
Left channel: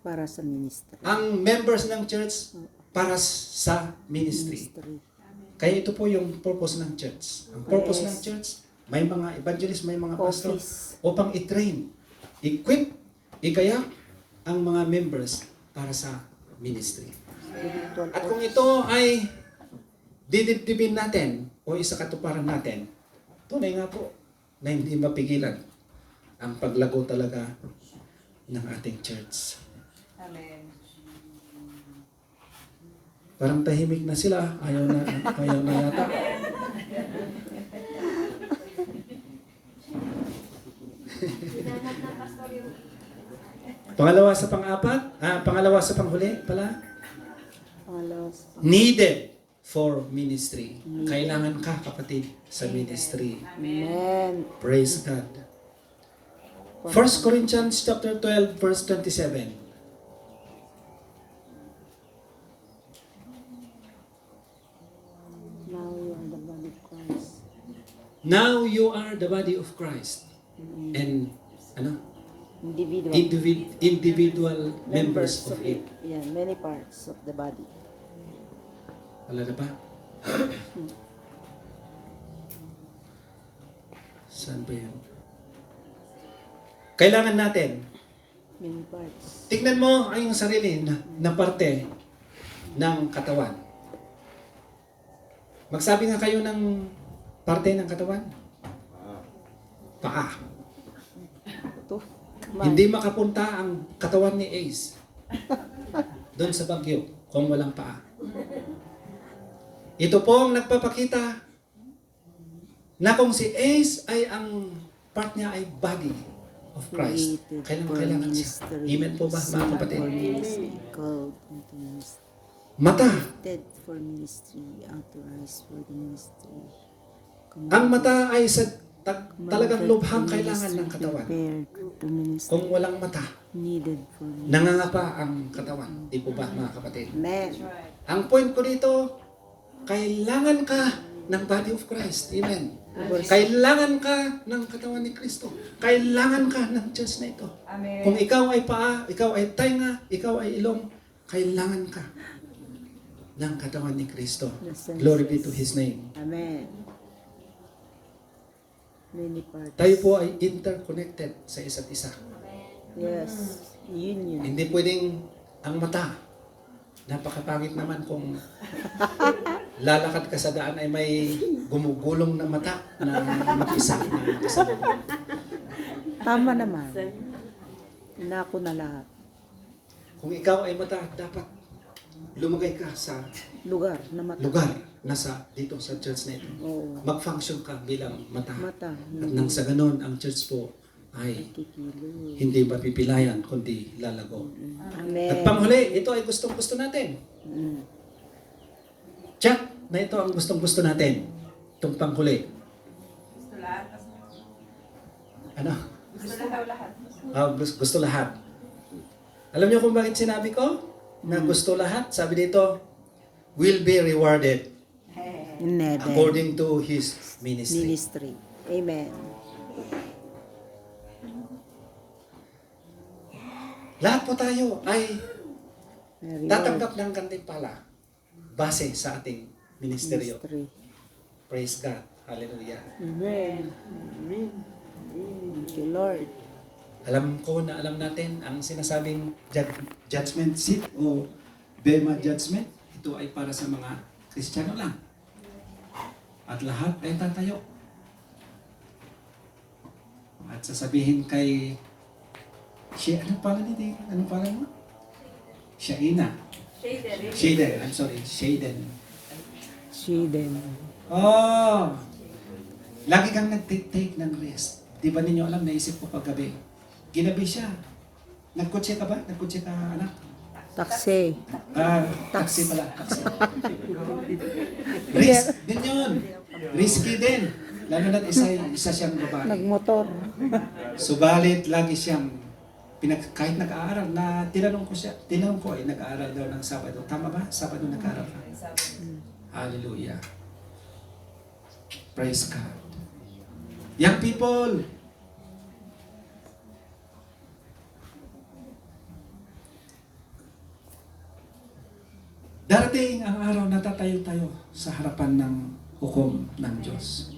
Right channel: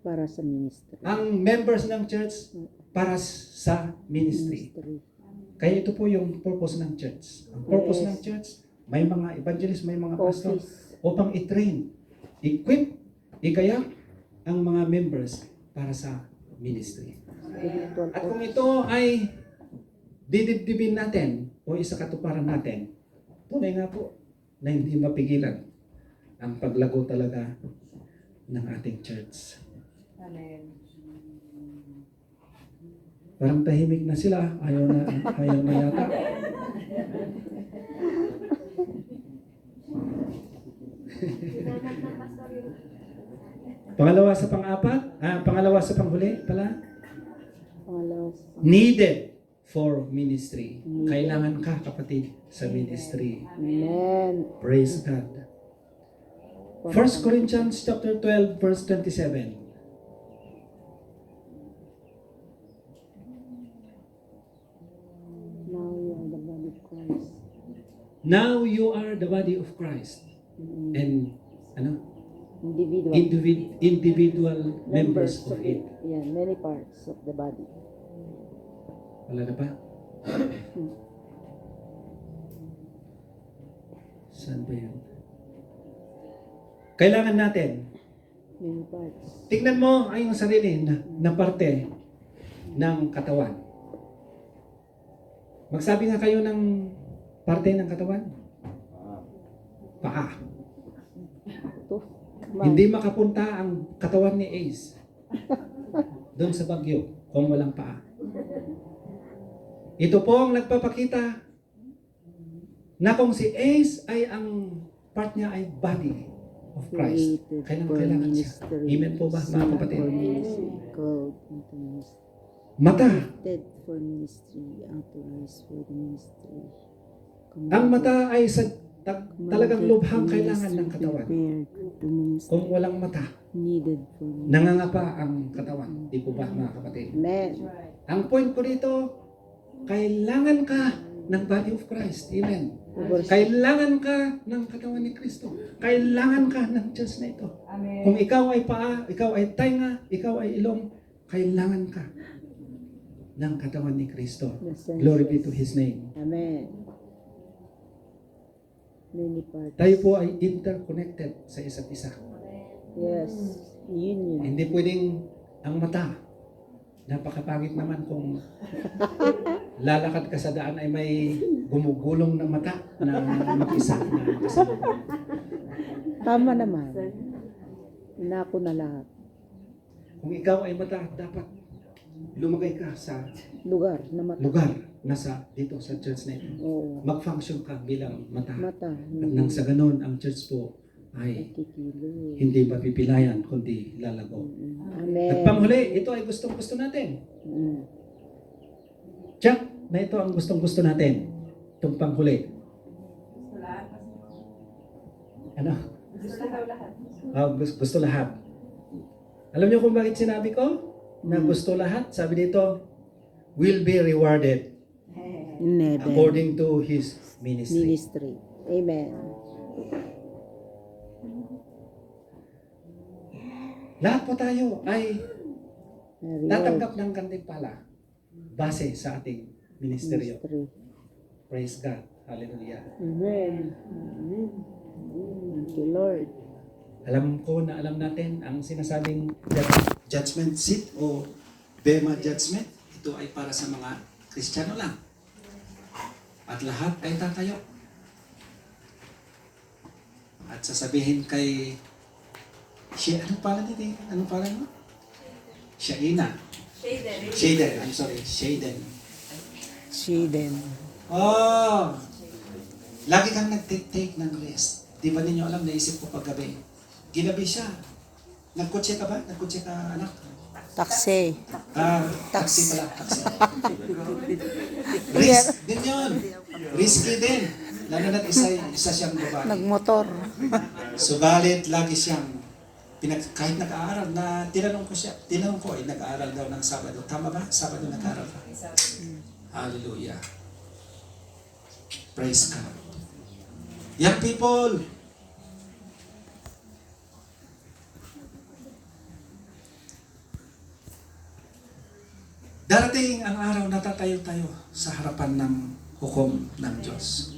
Para sa ministry. ang members ng church para sa ministry. Kaya ito po yung purpose ng church. Ang purpose ng church, may mga evangelists, may mga pastor Office. upang i-train, equip, igayak ang mga members para sa ministry. Spiritual At kung ito ay didibdibin natin o isakatuparan natin, tunay nga po na hindi mapigilan ang paglago talaga ng ating church. Amen. Parang tahimik na sila, ayaw na yata. Pangalawa sa pang-apat, pangalawa sa panghuli pala, Pangalawas. needed for ministry. Kailangan ka, kapatid, sa ministry. Amen. Praise God. 1 Corinthians chapter 12 verse 27. Now you are the body Now you are the body of Christ. of Christ. And Individual. individual members of it. Yeah, many parts of the body. Wala na ba? Saan ba yun? Kailangan natin, Many parts. tignan mo ang iyong sarili na parte ng katawan. Magsabi nga kayo ng parte ng katawan. Paa. Ito. Hindi makapunta ang katawan ni Ace doon sa Bagyo kung walang paa. Ito po ang nagpapakita na kung si Ace ay ang part niya ay body of Christ. Kailangan siya. Amen po ba mga kapatid? Called into ministry. Mata. Dead for ministry. Authorized for the ministry. Ang mata ay talagang lubhang kailangan ng katawan. Prepared to ministry. Kung walang mata, Needed for ministry. nangangapa ang katawan. Di po ba mga kapatid? Amen. That's right. Ang point ko dito, kailangan ka ng body of Christ. Amen. Kailangan ka ng katawan ni Kristo. Kailangan ka ng church na ito. Amen. Kung ikaw ay paa, ikaw ay tainga, ikaw ay ilong, kailangan ka ng katawan ni Kristo. Glory be to His name. Amen. Many parts. Tayo po ay interconnected sa isa't isa. Yes. Union. Hindi pwedeng ang mata. Napakapangit naman kung lalakad ka sa daan ay may gumugulong na mata na mag-isa na kasalukuyan. Tama naman. Nako na lahat. Kung ikaw ay mata, dapat lumagay ka sa Lugar na mata. lugar na dito sa church na ito. Oo. Mag-function ka bilang mata. Mata. At nang sa ganun, ang church po ay Kikilo. hindi mapipilayan, kundi lalago. Amen. At panghuli, ito ay gustong-gusto natin. Mm. Check na ito ang gustong-gusto natin. Itong panghuli. Gusto lahat. Ano? Gusto lahat. Gusto lahat. Alam niyo kung bakit sinabi ko na gusto lahat? Sabi dito, will be rewarded Never. according to his ministry. Ministry. Amen. Lahat po tayo ay Very tatanggap ng gantimpala. base sa ating ministeryo. Mystery. Praise God. Hallelujah. Amen. Amen. Thank you, Lord. Alam ko na alam natin ang sinasabing judgment seat o Bema judgment. Ito ay para sa mga Kristiyano lang. At lahat ay tatayo. At sasabihin kay anong pala niya? Anong pala mo? Shaina. Shaden. I'm sorry. Shaden. Shiden. Oh! Lagi kang nag-take ng rest. Di ba ninyo alam, naisip ko paggabi. Ginabi siya. Nagkotse ka ba? Nagkotse ka, anak? Taxi. Taxi pala. Taxi. Risk din yun. Risky din. Lalo na isa siyang babae. Nagmotor. Subalit, lagi siyang kahit nag-aaral na tinanong ko ay nag-aaral daw ng Sabado. Tama ba? Sabado nag-aaral ka. Hallelujah. Praise God. Young people, darating ang araw na tatayo tayo sa harapan ng hukom ng Diyos.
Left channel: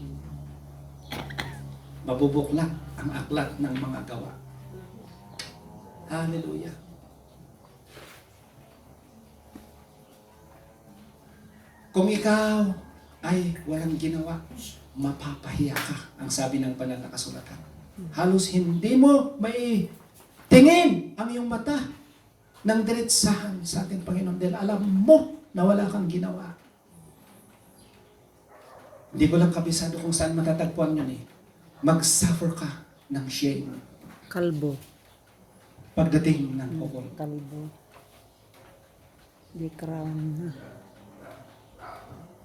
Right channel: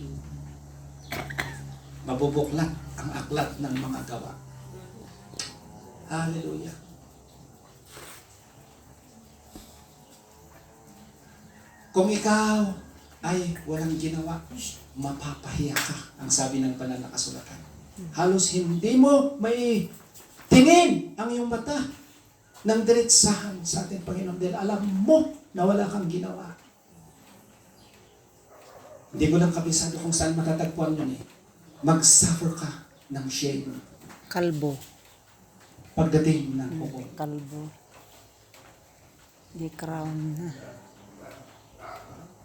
Mabubuklat ang aklat ng mga gawa. Hallelujah. Kung ikaw ay walang ginawa, mapapahiya ka, ang sabi ng banal na kasulatan. Halos hindi mo may tingin ang iyong mata ng diretsahan sa ating Panginoon dahil alam mo na wala kang ginawa. Hindi ko lang kabisado kung saan matatagpuan yun eh. Mag-suffer ka ng shame Kalbo. pagdating ng pukol. Kalbo. Di crown na.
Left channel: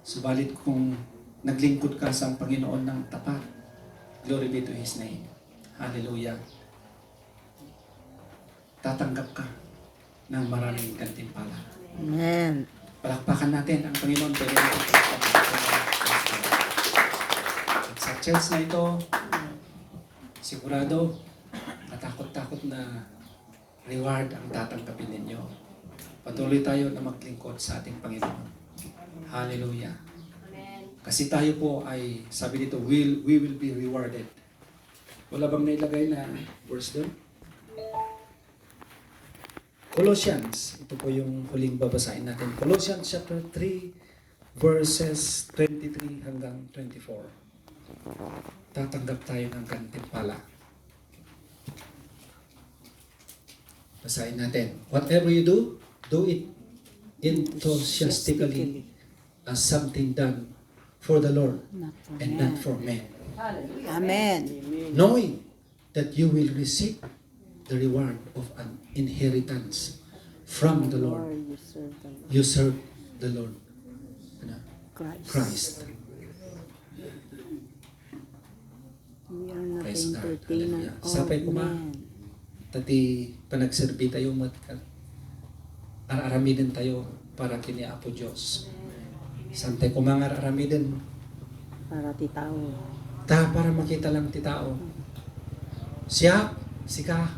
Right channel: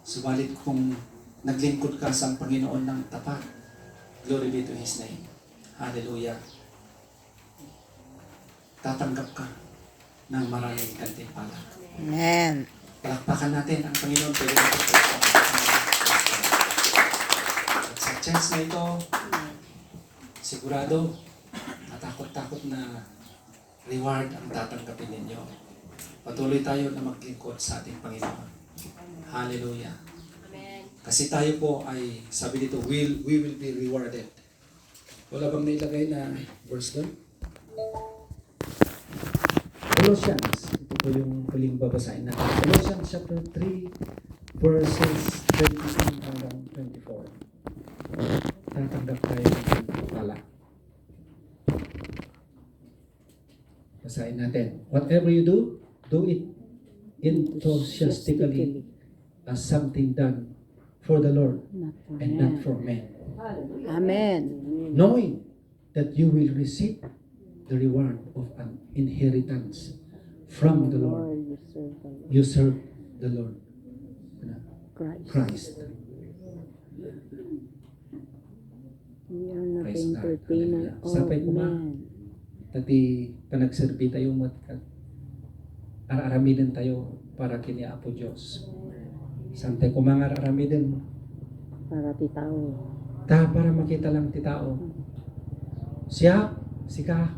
Subalit kung naglingkod ka sa Panginoon ng tapat, glory be to His name. Hallelujah. Tatanggap ka ng maraming gantimpala. Amen. Palakpakan natin ang Panginoon. At sa church na ito, sigurado, katakot-takot na reward ang tatanggapin ninyo. Patuloy tayo na maglingkod sa ating Panginoon. Hallelujah. Amen. Kasi tayo po ay, sabi dito, we will be rewarded. Wala bang nailagay na verse doon? Colossians, ito po yung huling babasahin natin. Colossians chapter 3, verses 22 hanggang 24. Tatanggap tayo ng gantimpala. Basahin natin. Whatever you do it enthusiastically as something done for the Lord Not for and men. not for men. Amen. Knowing that you will receive the reward of an inheritance from the Lord. Lord, you serve the Lord. You serve the Lord Christ. Christ. We are not Praise God. entertainer Hallelujah. of Sapay ko ba? men. Tati panagserbi tayo araramidan tayo para kini Apo Diyos. Sante ko mga araramidan Para titaw. para makita lang ti tao. Siya, sika,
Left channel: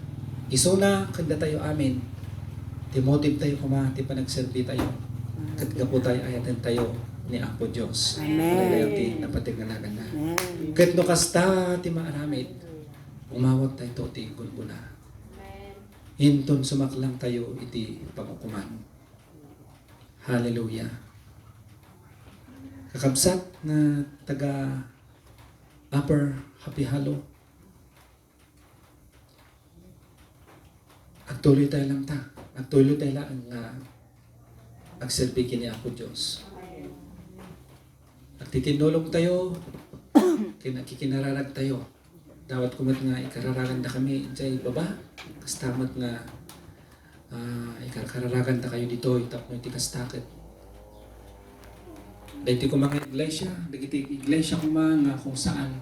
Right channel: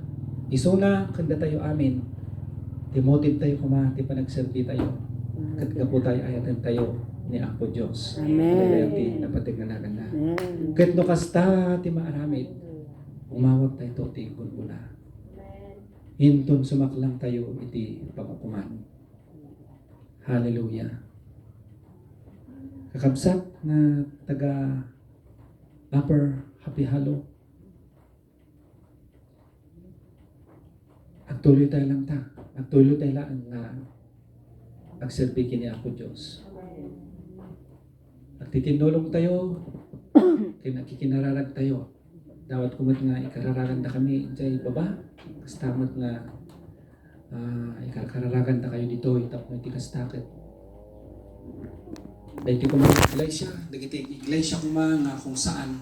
isuna, kanda tayo amin. Timotive tayo kuma, ti panagserbi tayo. Katgapo tayo ayatan tayo ni Apo Diyos. Amen. Ti napatiganagan na. Amen. Kat no kasta ti maaramid, umawat tayo to ti gulgula. Hinton sumaklang tayo iti pangukuman. Hallelujah. Kakabsat na taga Upper Happy Hollow. Agtuloy tayo lang ta. Agtuloy tayo lang ang agserbi kini Apo Diyos. Agtitinulong tayo, kikinararag tayo. Dawat kumat nga ikararagan na kami sa baba. Kastamat nga ikararagan na kayo dito. Itap nyo tikastakit. Dahil ko mga iglesia. Dahil iglesia ko nga kung saan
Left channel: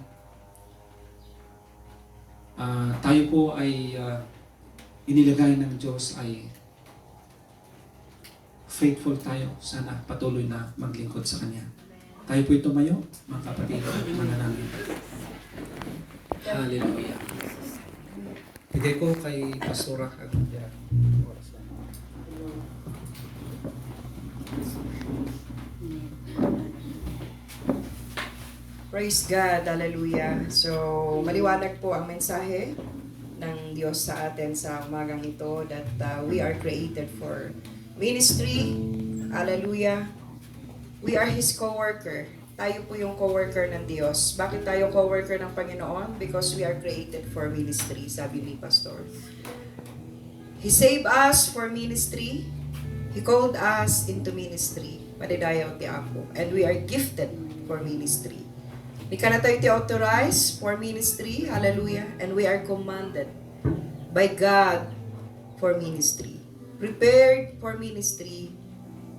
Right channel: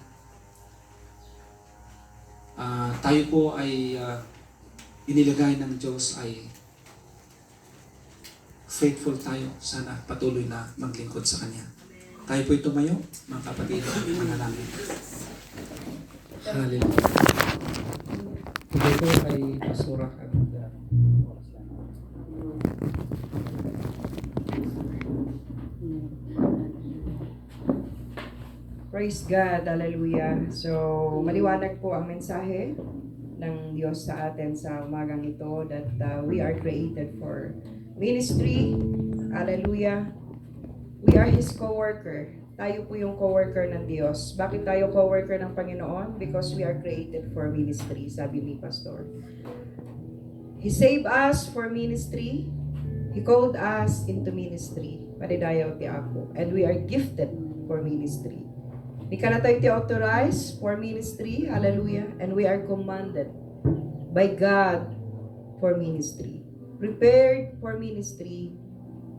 tayo po ay inilagay ng Diyos ay faithful tayo. Sana patuloy na maglingkod sa Kanya. Tayo po'y tumayo, mga kapatid, manalangin. Hallelujah. Today ko kay Pastora Kagaya. Praise God, hallelujah. So, maliwanag po ang mensahe ng Diyos sa atin sa umagang ito that we are created for ministry. Hallelujah. We are His co-worker. Tayo po yung co-worker ng Diyos. Bakit tayo co-worker ng Panginoon? Because we are created for ministry, sabi ni Pastor. He saved us for ministry. He called us into ministry. Padidayaw ti Apo. And we are gifted for ministry. Di ka na tayo ti-authorize for ministry. Hallelujah. And we are commanded by God for ministry. Prepared for ministry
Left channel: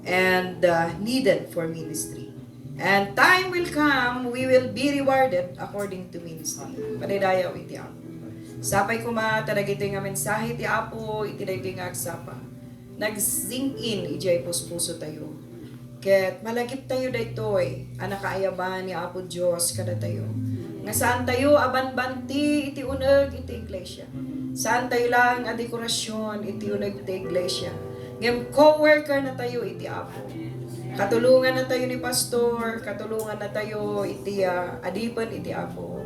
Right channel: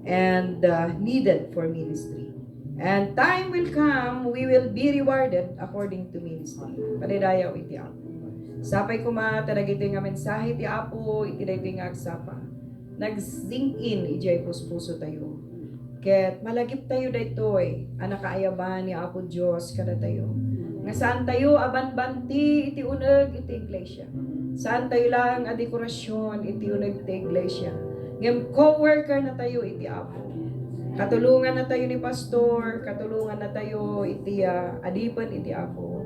and needed for ministry. And time will come, we will be rewarded according to ministry. Padidayaw iti Apo. Sapay kuma talaga ito nga mensahe ti Apo, iti dahi nga agsapa. Nag-sink in, ijay puspuso tayo. Ket malagip tayo daytoy, anak kaayaban ni Apo Dios kada tayo. Nga saan tayo abanbanti iti uneg iti iglesia. Saan tayo lang a dekorasyon iti uneg iti iglesia. Ngem co-worker na tayo iti Apo. Katulungan na tayo ni pastor, katulungan na tayo iti adipan iti Apo.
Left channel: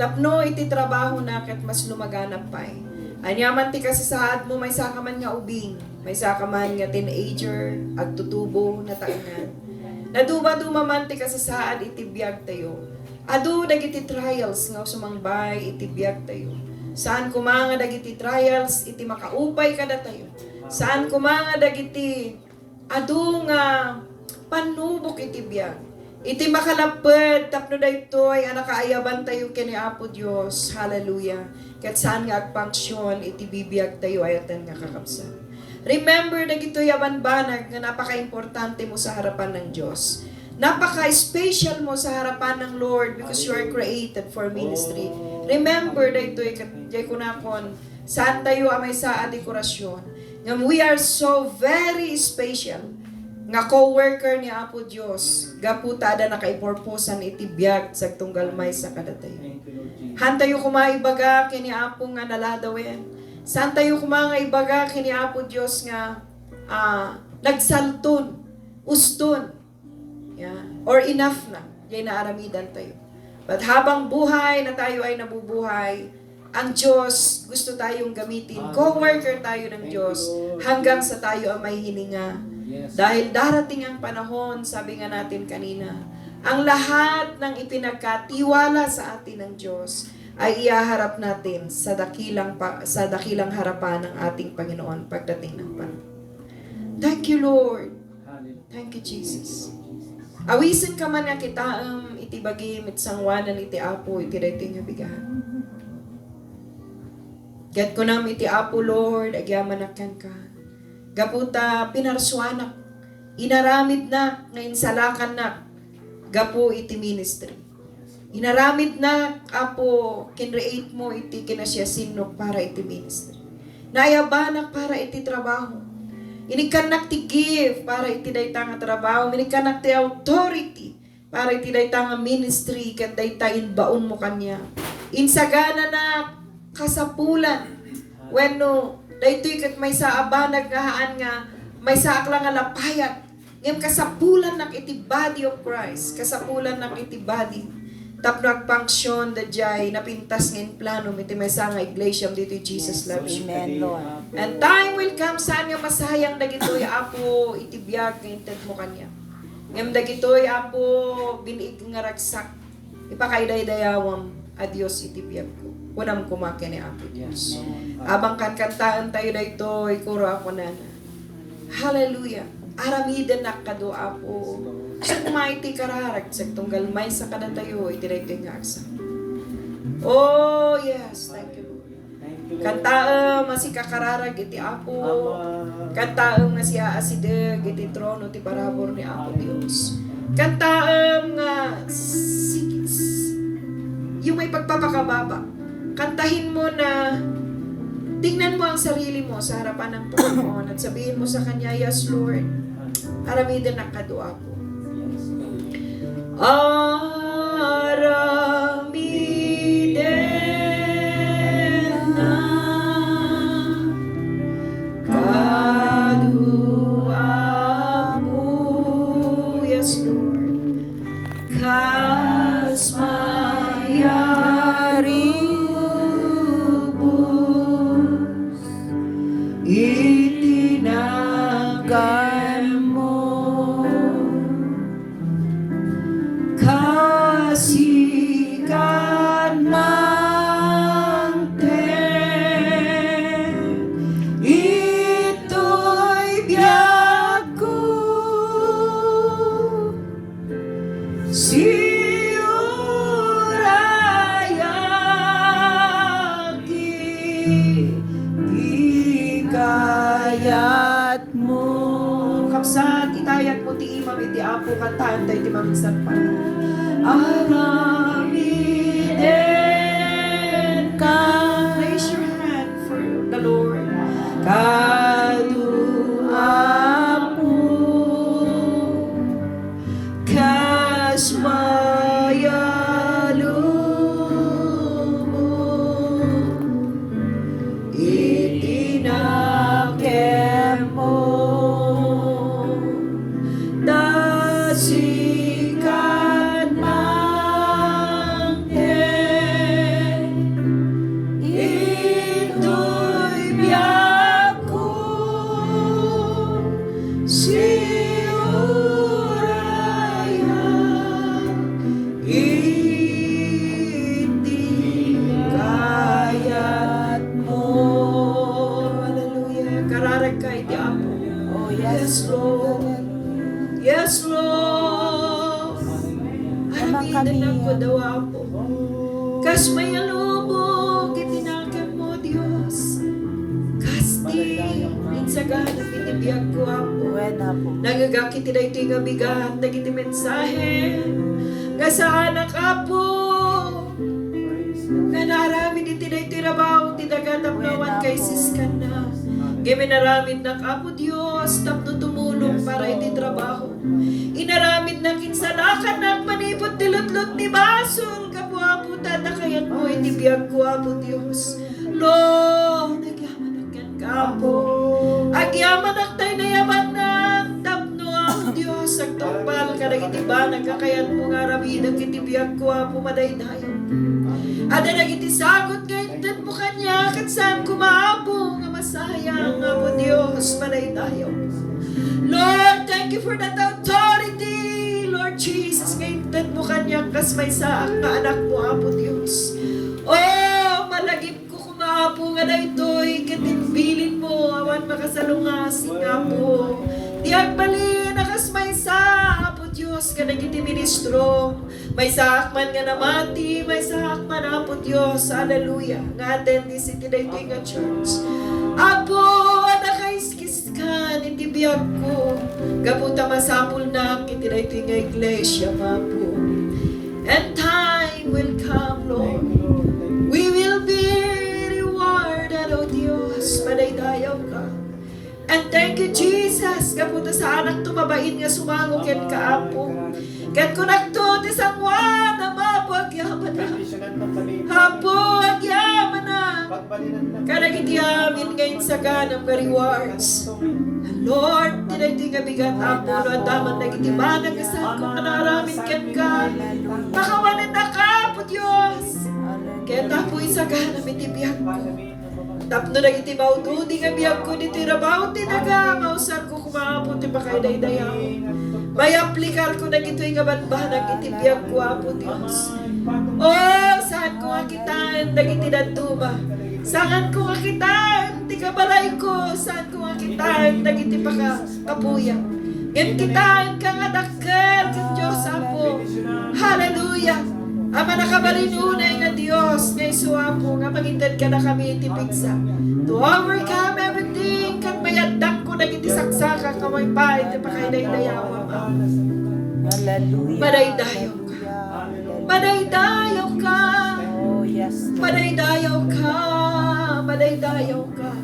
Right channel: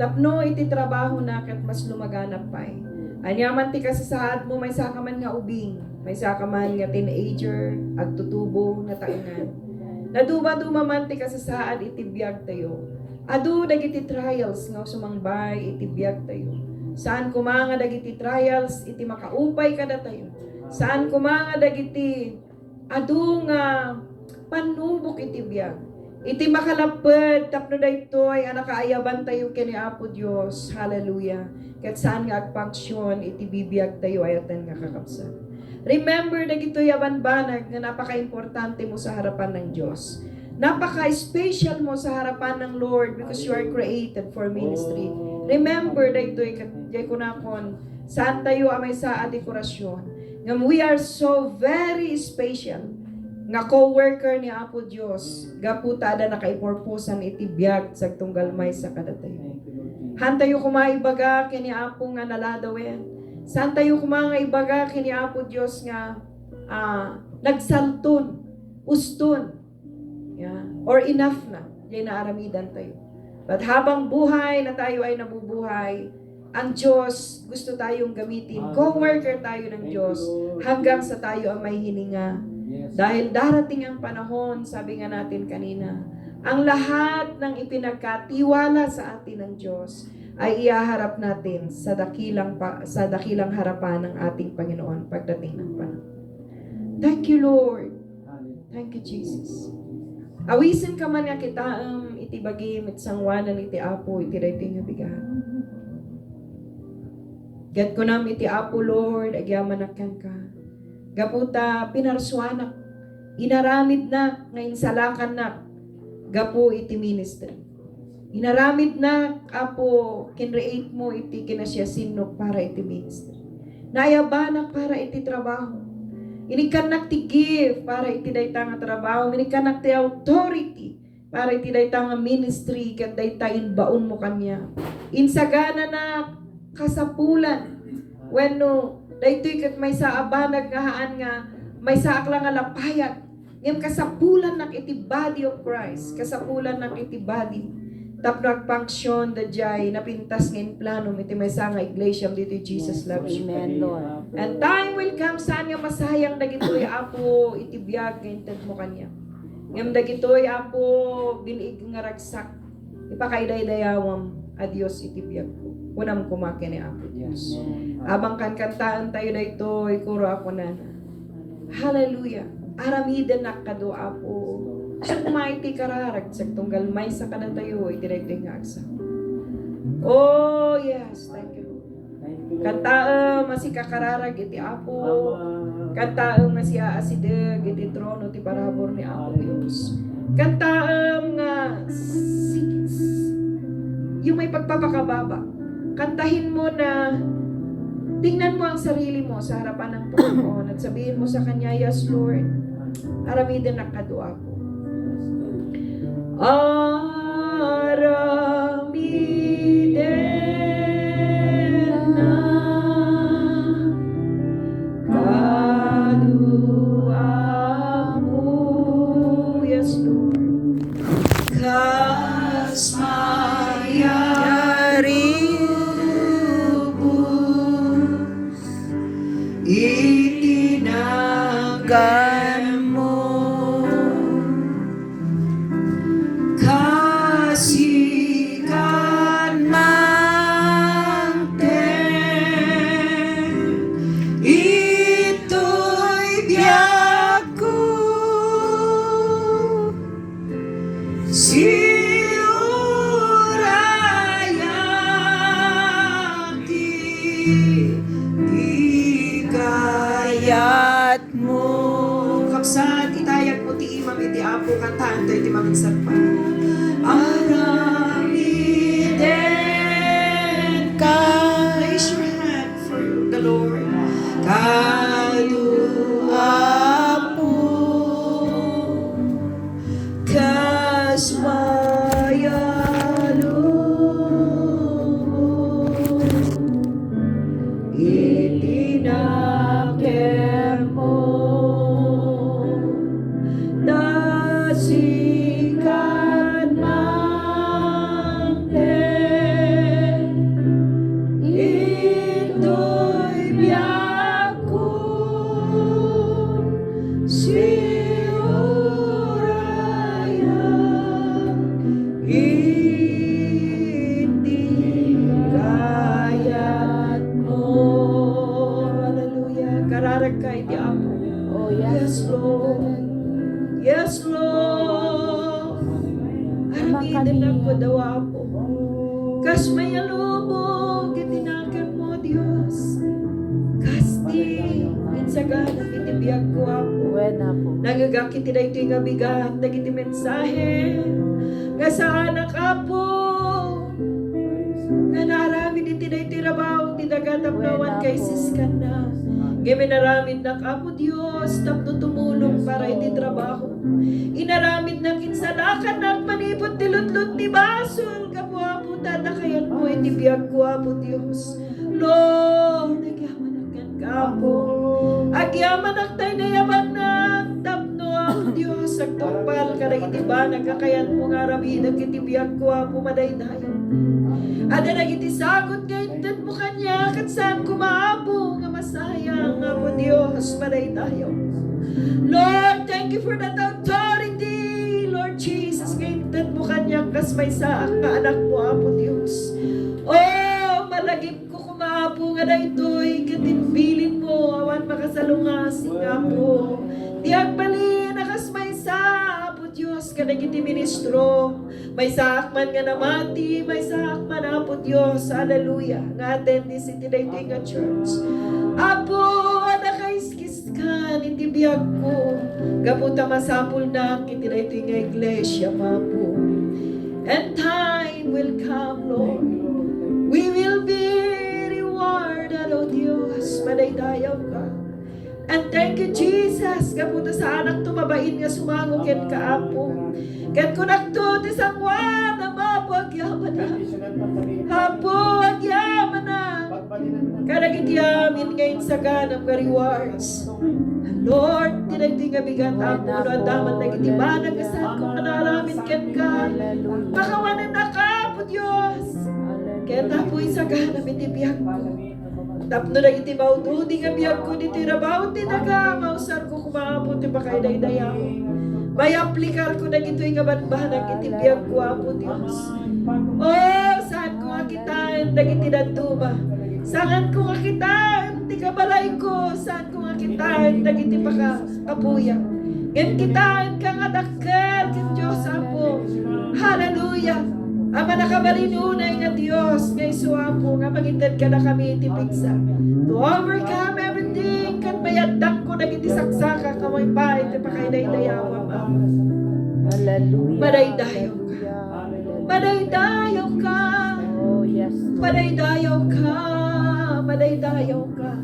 Tapno iti trabaho na ket mas lumaganap pay. Anyaman ti kasasaad mo may sakaman nga ubing, may sakaman nga teenager, agtutubo na taangan. Naduba-duma man ti kasasaad iti biyag tayo. Adu dagiti trials nga sumangbay iti biyag tayo. Saan kumanga dagiti trials iti makaupay kada tayo. Saan kumanga dagiti adu nga panubok iti biyag. Iti makalapad tapno daytoy anak kaayaban tayo kini Apo Dios. Hallelujah. Ket saan nga agpangsyon iti bibiyag tayo ayatan nga kakabsat. Remember dagitoy abanbanag nga napaka-importante mo sa harapan ng Dios. Napaka-special mo sa harapan ng Lord because you are created for ministry. Remember daytoy ket kunakon saan tayo amay sa dekorasyon. Nga we are so very special. Nga co-worker ni Apo Dios, gaputada na kay purposan iti biyag sa tunggalmay sa kadatay. Han tayo kumaibaga kini Apo nga naladawen. Saan tayo kumangaibaga kini Apo Dios nga nagsalton, uston. Yeah. Or enough na, diyan na aramidan tayo. But habang buhay na tayo ay nabubuhay, ang Diyos gusto tayong gamitin. Co-worker tayo ng Diyos hanggang sa tayo ang may hininga. Dahil darating ang panahon, sabi nga natin kanina, ang lahat ng ipinagkatiwala sa atin ng Diyos ay ihaharap natin sa dakilang harapan ng ating Panginoon pagdating ng panahon. Thank you, Lord. Thank you, Jesus. Awisan ka man nga kita itibagi mitsangwanan iti Apo iti dating nga bigahan. Get ko nam iti Apo, Lord, agyamanakan ka. Gaputa pinarsuanak, inaramid na, ngayon salakan na, gapu iti ministry. Inaramid na, Apo, kinreate mo iti kinasyasinok para iti ministry. Nayabanak para iti trabaho. Inikanak ti give para iti dayta nga trabaho. Inikanak ti authority para iti dayta nga ministry ken dayta inbaon mo kanya. Insagana na kasapulan wenno daytoy ket may saabanag nga haan nga may saakla nga lapayat ngem kasapulan nak iti body of Christ, kasapulan nak iti body tapno agpangsyon dayjay napintas ngem plano iti maysa nga iglesia dito Jesus loves you. Amen, Lord. And time will come saan nga masayang dagitoy Apo iti biag nga inted mo kanya. Ngem dagitoy Apo binig nga ragsak ipakaidaydayawam adios iti biag ko. Unam kumakin ni Apo Diyos. Abang kantaan tayo na ito, ikuro ako na. Hallelujah. Aramidan na kado Apo. Sa kumaiti kararag, sa tunggal may sa kada tayo, itiray nga aksa. Oh, yes. Thank you. Kantaam nga si kakararag iti Apo. Kantaam nga si aasideg iti trono ti parabor ni Apo Diyos. Kantaam nga yung may pagpapakababa. Kantahin mo na tingnan mo ang sarili mo sa harapan ng Panginoon at sabihin mo sa Kanya, yes Lord, aramidan na kadua po. Aramidan na kadua po, yes Lord, kas kasigan mo. Kasigan manten, ito'y biyak ko. Di kayat mo. Kapsaan, itayag mo ti imam iti apo kantaan tayo ti maminsan pa. Aramiden ka. Raise your hand for the Lord. Kadu apo kasmayalu itinakem mo dasikan manten ito'y biyak ko siurayan itikayat mo. Hallelujah. Kararag ka iti Apo. Oh, yes, Lord. Yes, Lord. Aramidan ako daw Apo. Kas may alubog, itinakim mo, Diyos. Kasti, minsagan, pinibiyag ko Apo. Nagagakit na ito yung abigat, nagiti mensahe. Nga sa anak Apo. Nga naramid iti na iti rabaw, tinagatapnawan kay siskan na. Giminaramid na Apo Diyos, tapno tumulong para iti trabaho. Inaramid na kinsalakan ng panipot tilutlot ni basol. Kapo Apo, tatakayan mo, iti biyag ko Apo Diyos. Lord, nagyaman agyan ka Apo. Agyaman ang tayo na yaman na. Tapno Apo Diyos, agtapal ka nagiti ba, nagkakayan mo nga ramid ang iti biyag ko Apo, madaydayo. Ada nagiti sagot ngayon mo kanya, kat saan kumaapo nga masayang Apo Diyos, madaydayo. Lord, thank you for that authority, Lord Jesus, ngayon mo kanya, kas may saang na anak mo Apo Diyos. Oh, malagip ko kumaapo nga na ito'y katinbilin mo, awan makasalungasing Apo. Diag bali, nakas may sa Apo Diyos, kanagiti ministro. May saakman nga namati, may saakman Apo Diyos, hallelujah. Nga attend si Tinaytoy nga church. Apo, anakaiskis ka, hindi biyag ko. Gaputa masapul na, Tinaytoy nga iglesia, Apo. And time will come, Lord. We will be rewarded, O Diyos, padaydayaw ka. And thank you, Jesus, gaputa sa anak tumabain nga sumangukin ka, Apo. Kat kunakto ti sangwan, Apo, agyaman na. Apo, agyaman na. Kanagiti amin ngayon sa ganang rewards. Lord, tinagdi nga bigat Apo, no, daman nagitibanag ka sa ako, manaramin ken ka. Makawanin na ka, Apo Diyos. Kaya tapo isa ganang itibiyag ko. Tapno nagiti bawdo, di nga biyag ko ni tirabaw, tinaga, mausan ko kumapon, ti bakay daydayaw. May aplikar ko na gito'y nga banbanang itibiyag ko, Apo Diyos. Oh, saan ko akitaan, nagiti dantuba. Saan ko akitaan, ti kabalay ko, saan ko akitaan, nagiti kapuya. Yan kitaan ka nga dakkel, kan Diyos, Apo. Hallelujah. Ama nakabalinunay nga Diyos, ngay suwapo, nga magintad ka na kami itipigsa. To overcome everything, kan mayandak ko nagiti saksaka, kamay pa, iti pakaiday-dayawa, Ama. Hallelujah. Madaydayaw ka. Madaydayaw ka. Oh, yes. Madaydayaw ka. Madaydayaw ka.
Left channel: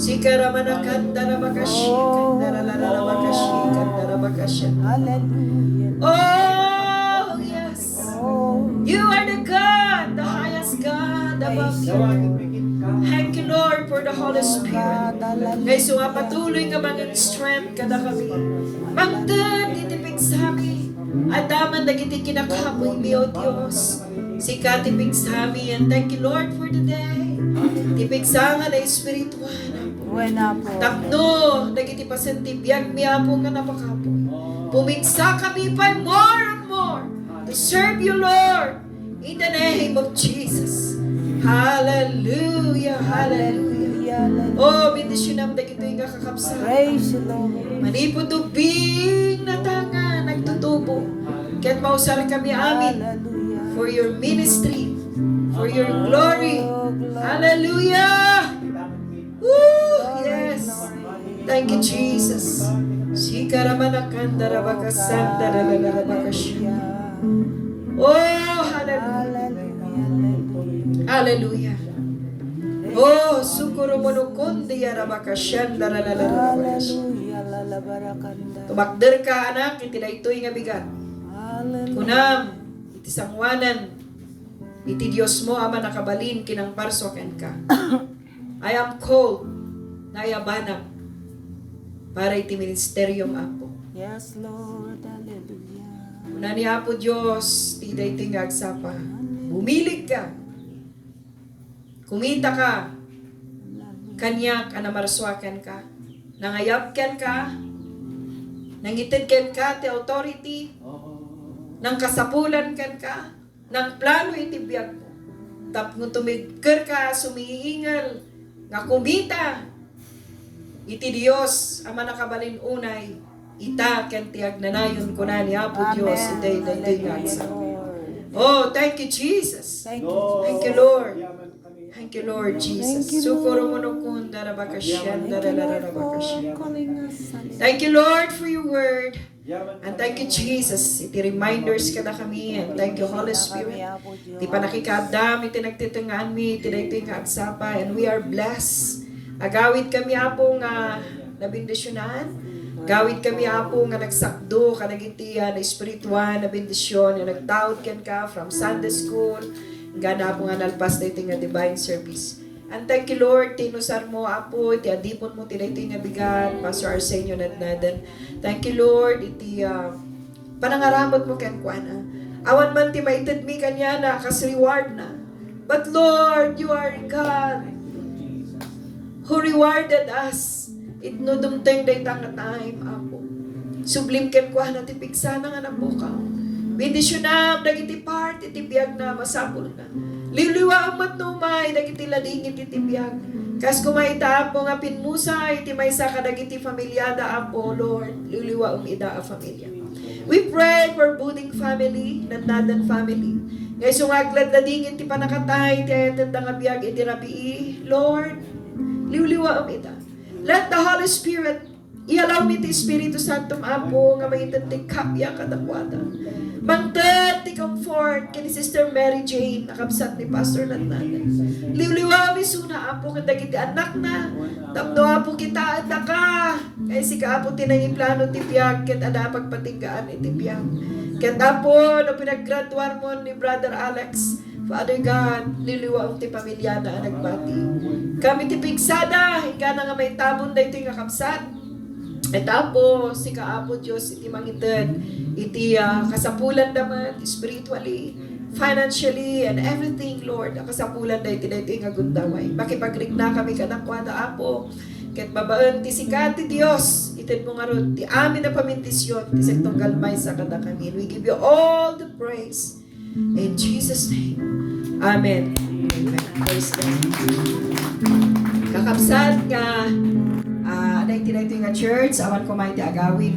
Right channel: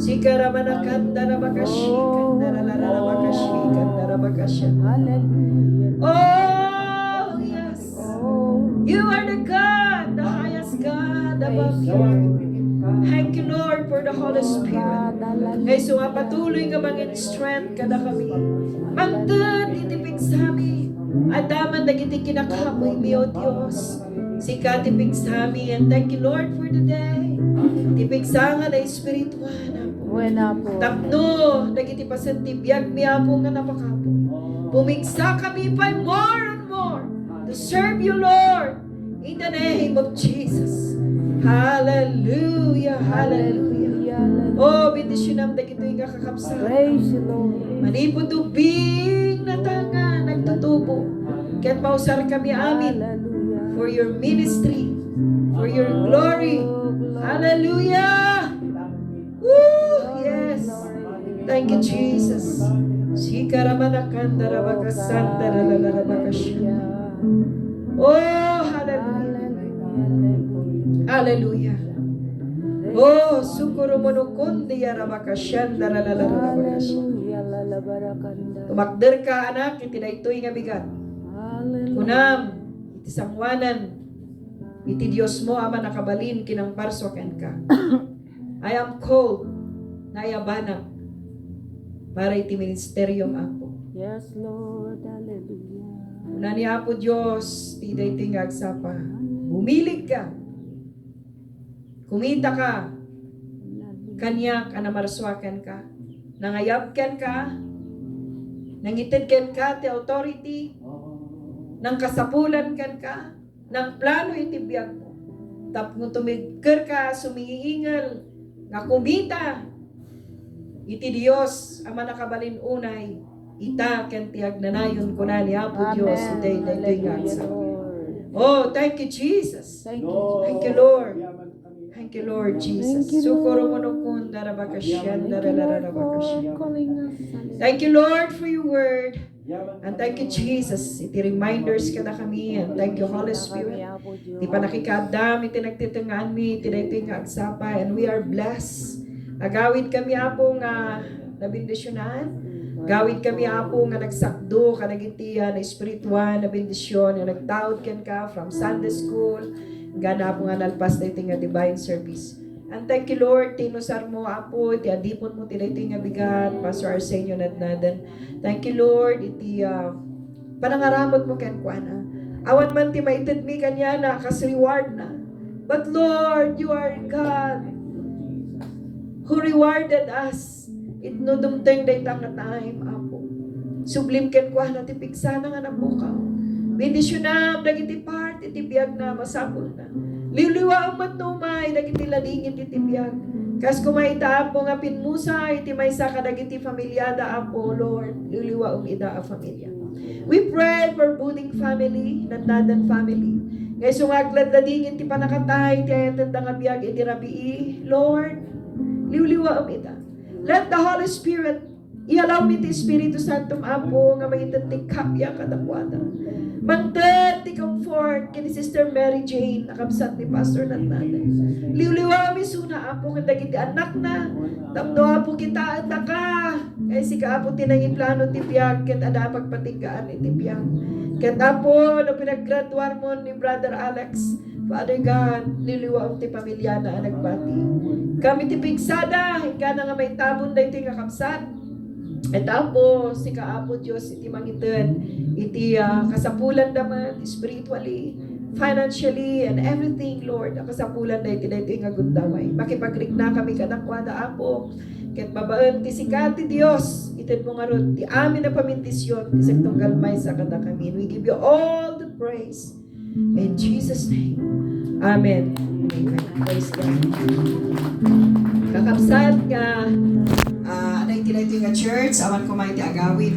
Sikaramanakan, darabakashikan, daralalalabakashikan, darabakashikan. Hallelujah. Oh, yes. You are the God, the highest God above you. Thank you, Lord, for the Holy Spirit. Ngay so nga patuloy nga mga strength kada kami. Magdan, itipig sa amin. At daman nagiti kinakamoy mi, O Diyos. Sika tipig sa amin. And thank you, Lord, for the day. Tipig sa nga na espiritual. Buena po. Tapno, nagiti pasenti biyag mi apo nga napakapo. Pumigsa kami pa more and more to serve you, Lord, in the name of Jesus. Hallelujah, hallelujah. Oh, bindisyon dagito yung kakapsa. Praise the Lord. Maniputubing na tanga, nagtutubo. Kaya't mausar kami amin Hallelujah. for your ministry, for your glory. Hallelujah! Woo! Yes! Thank you, Jesus. Sikaramanakandarabagasandaralalabakasya. Oh, hallelujah. Hallelujah. Oh, sukurumonokundi yarabakasyandaralalalabakasya. Hallelujah. Lalabarakanda. Tumakder ka, anak, iti daytoy nga bigat. Hallelujah. Kunam, iti sangwanan, iti Diyos mo, ama nakabalin, kinang parsoken ka. I am called, nayabanag, para iti ministeryong Apo. Yes, Lord. Hallelujah. Una ni Apo Diyos, ti daytoy nga agsapa. Bumilig ka. Kumita ka. Kanyak, anamarswakan ka. Nangayabkan ka. Nangitidkan ka, ti authority. Nang kasapulan kan ka. Nang plano iti biyag mo. Tapno tumigker ka, sumiingal. Nga kumita. Iti Dios, ama nakabalin unay. Ita, ken ti agnanayon ko na ni Apo Diyos. Iti, iti, Oh, thank you, Jesus. Thank you. Thank you, Lord. Thank you, Lord Jesus. Sukuro mo no kun darabakasyan, darararabakasyan. Thank you, Lord, for your word. And thank you, Jesus. Iti reminders ka na kami. And thank you, Holy Spirit. Iti panakikadam, iti nagtitungaan mi, iti daytoy nga agsapa. And we are blessed. Agawid kami, Apo, nga nabindisyonan. Gawid kami, Apo, nga nagsakdo, kanagitian, na espiritual, na bendisyon, na nagtaod ken ka from Sunday school, gana po nga nalpas na iti nga divine service. And thank you, Lord, tinusar mo, Apo, iti adipon mo, iti nga bigat, Pastor Arsenio nadnadan. Thank you, Lord, iti panangaramot mo ken kuana. Awan man ti maited mi kanya na, kas reward na. But Lord, you are God who rewarded us. Itno dumteng day tang na time, Apo. Sublim ken kuana ti pigsana nga napukaw. Bendisyonam, dagiti part, iti biyag na masapul na. Liliwa ang matnumay, dagiti ladingit iti biyag. Kas kumaita po nga pinmusa, iti maysa ka dagiti familyada apo, Lord. Liliwa ang ida a familia. We pray for Buding family, Nadnadan family. Ngay sungaglad ladingit ti panakatay, ti ayatan nga biyag iti rabii. Lord, liliwa ang ida. Let the Holy Spirit i-allow me ti Espiritu Santo Apo nga maitan ti kapya kadakwada. Mangted ti comfort kini Sister Mary Jane nakabsat ni Pastor Natnanan. Liwliwa mi suna Apo nga dagiti anak na. Tapno Apo kita at ka. Kaya si ka Apo tinangi plano ti biyag ket ada pagpatinggaan iti biyag. Ket Apo no pinaggraduar mo ni Brother Alex. Father God, liliwa ti pamilya na nagbati. Kami ti pigsada, ika na nga may tabon da iti kakabsat. Et Apo, si Kaapo Diyos, iti mangitan, iti kasapulan naman, spiritually, financially, and everything, Lord, kasapulan da iti nga gundaway. Makipagrik na kami kanakwa na Apo, ket babaan ti sikat ti Diyos, itin mo nga ron, ti amin na pamintisyon, ti sektong galmay sa kada kami. We give you all the praise. In Jesus' name. Amen. Amen. Praise God. Kakabsat nga, anay tinay nga church, awan ko may ti agawin.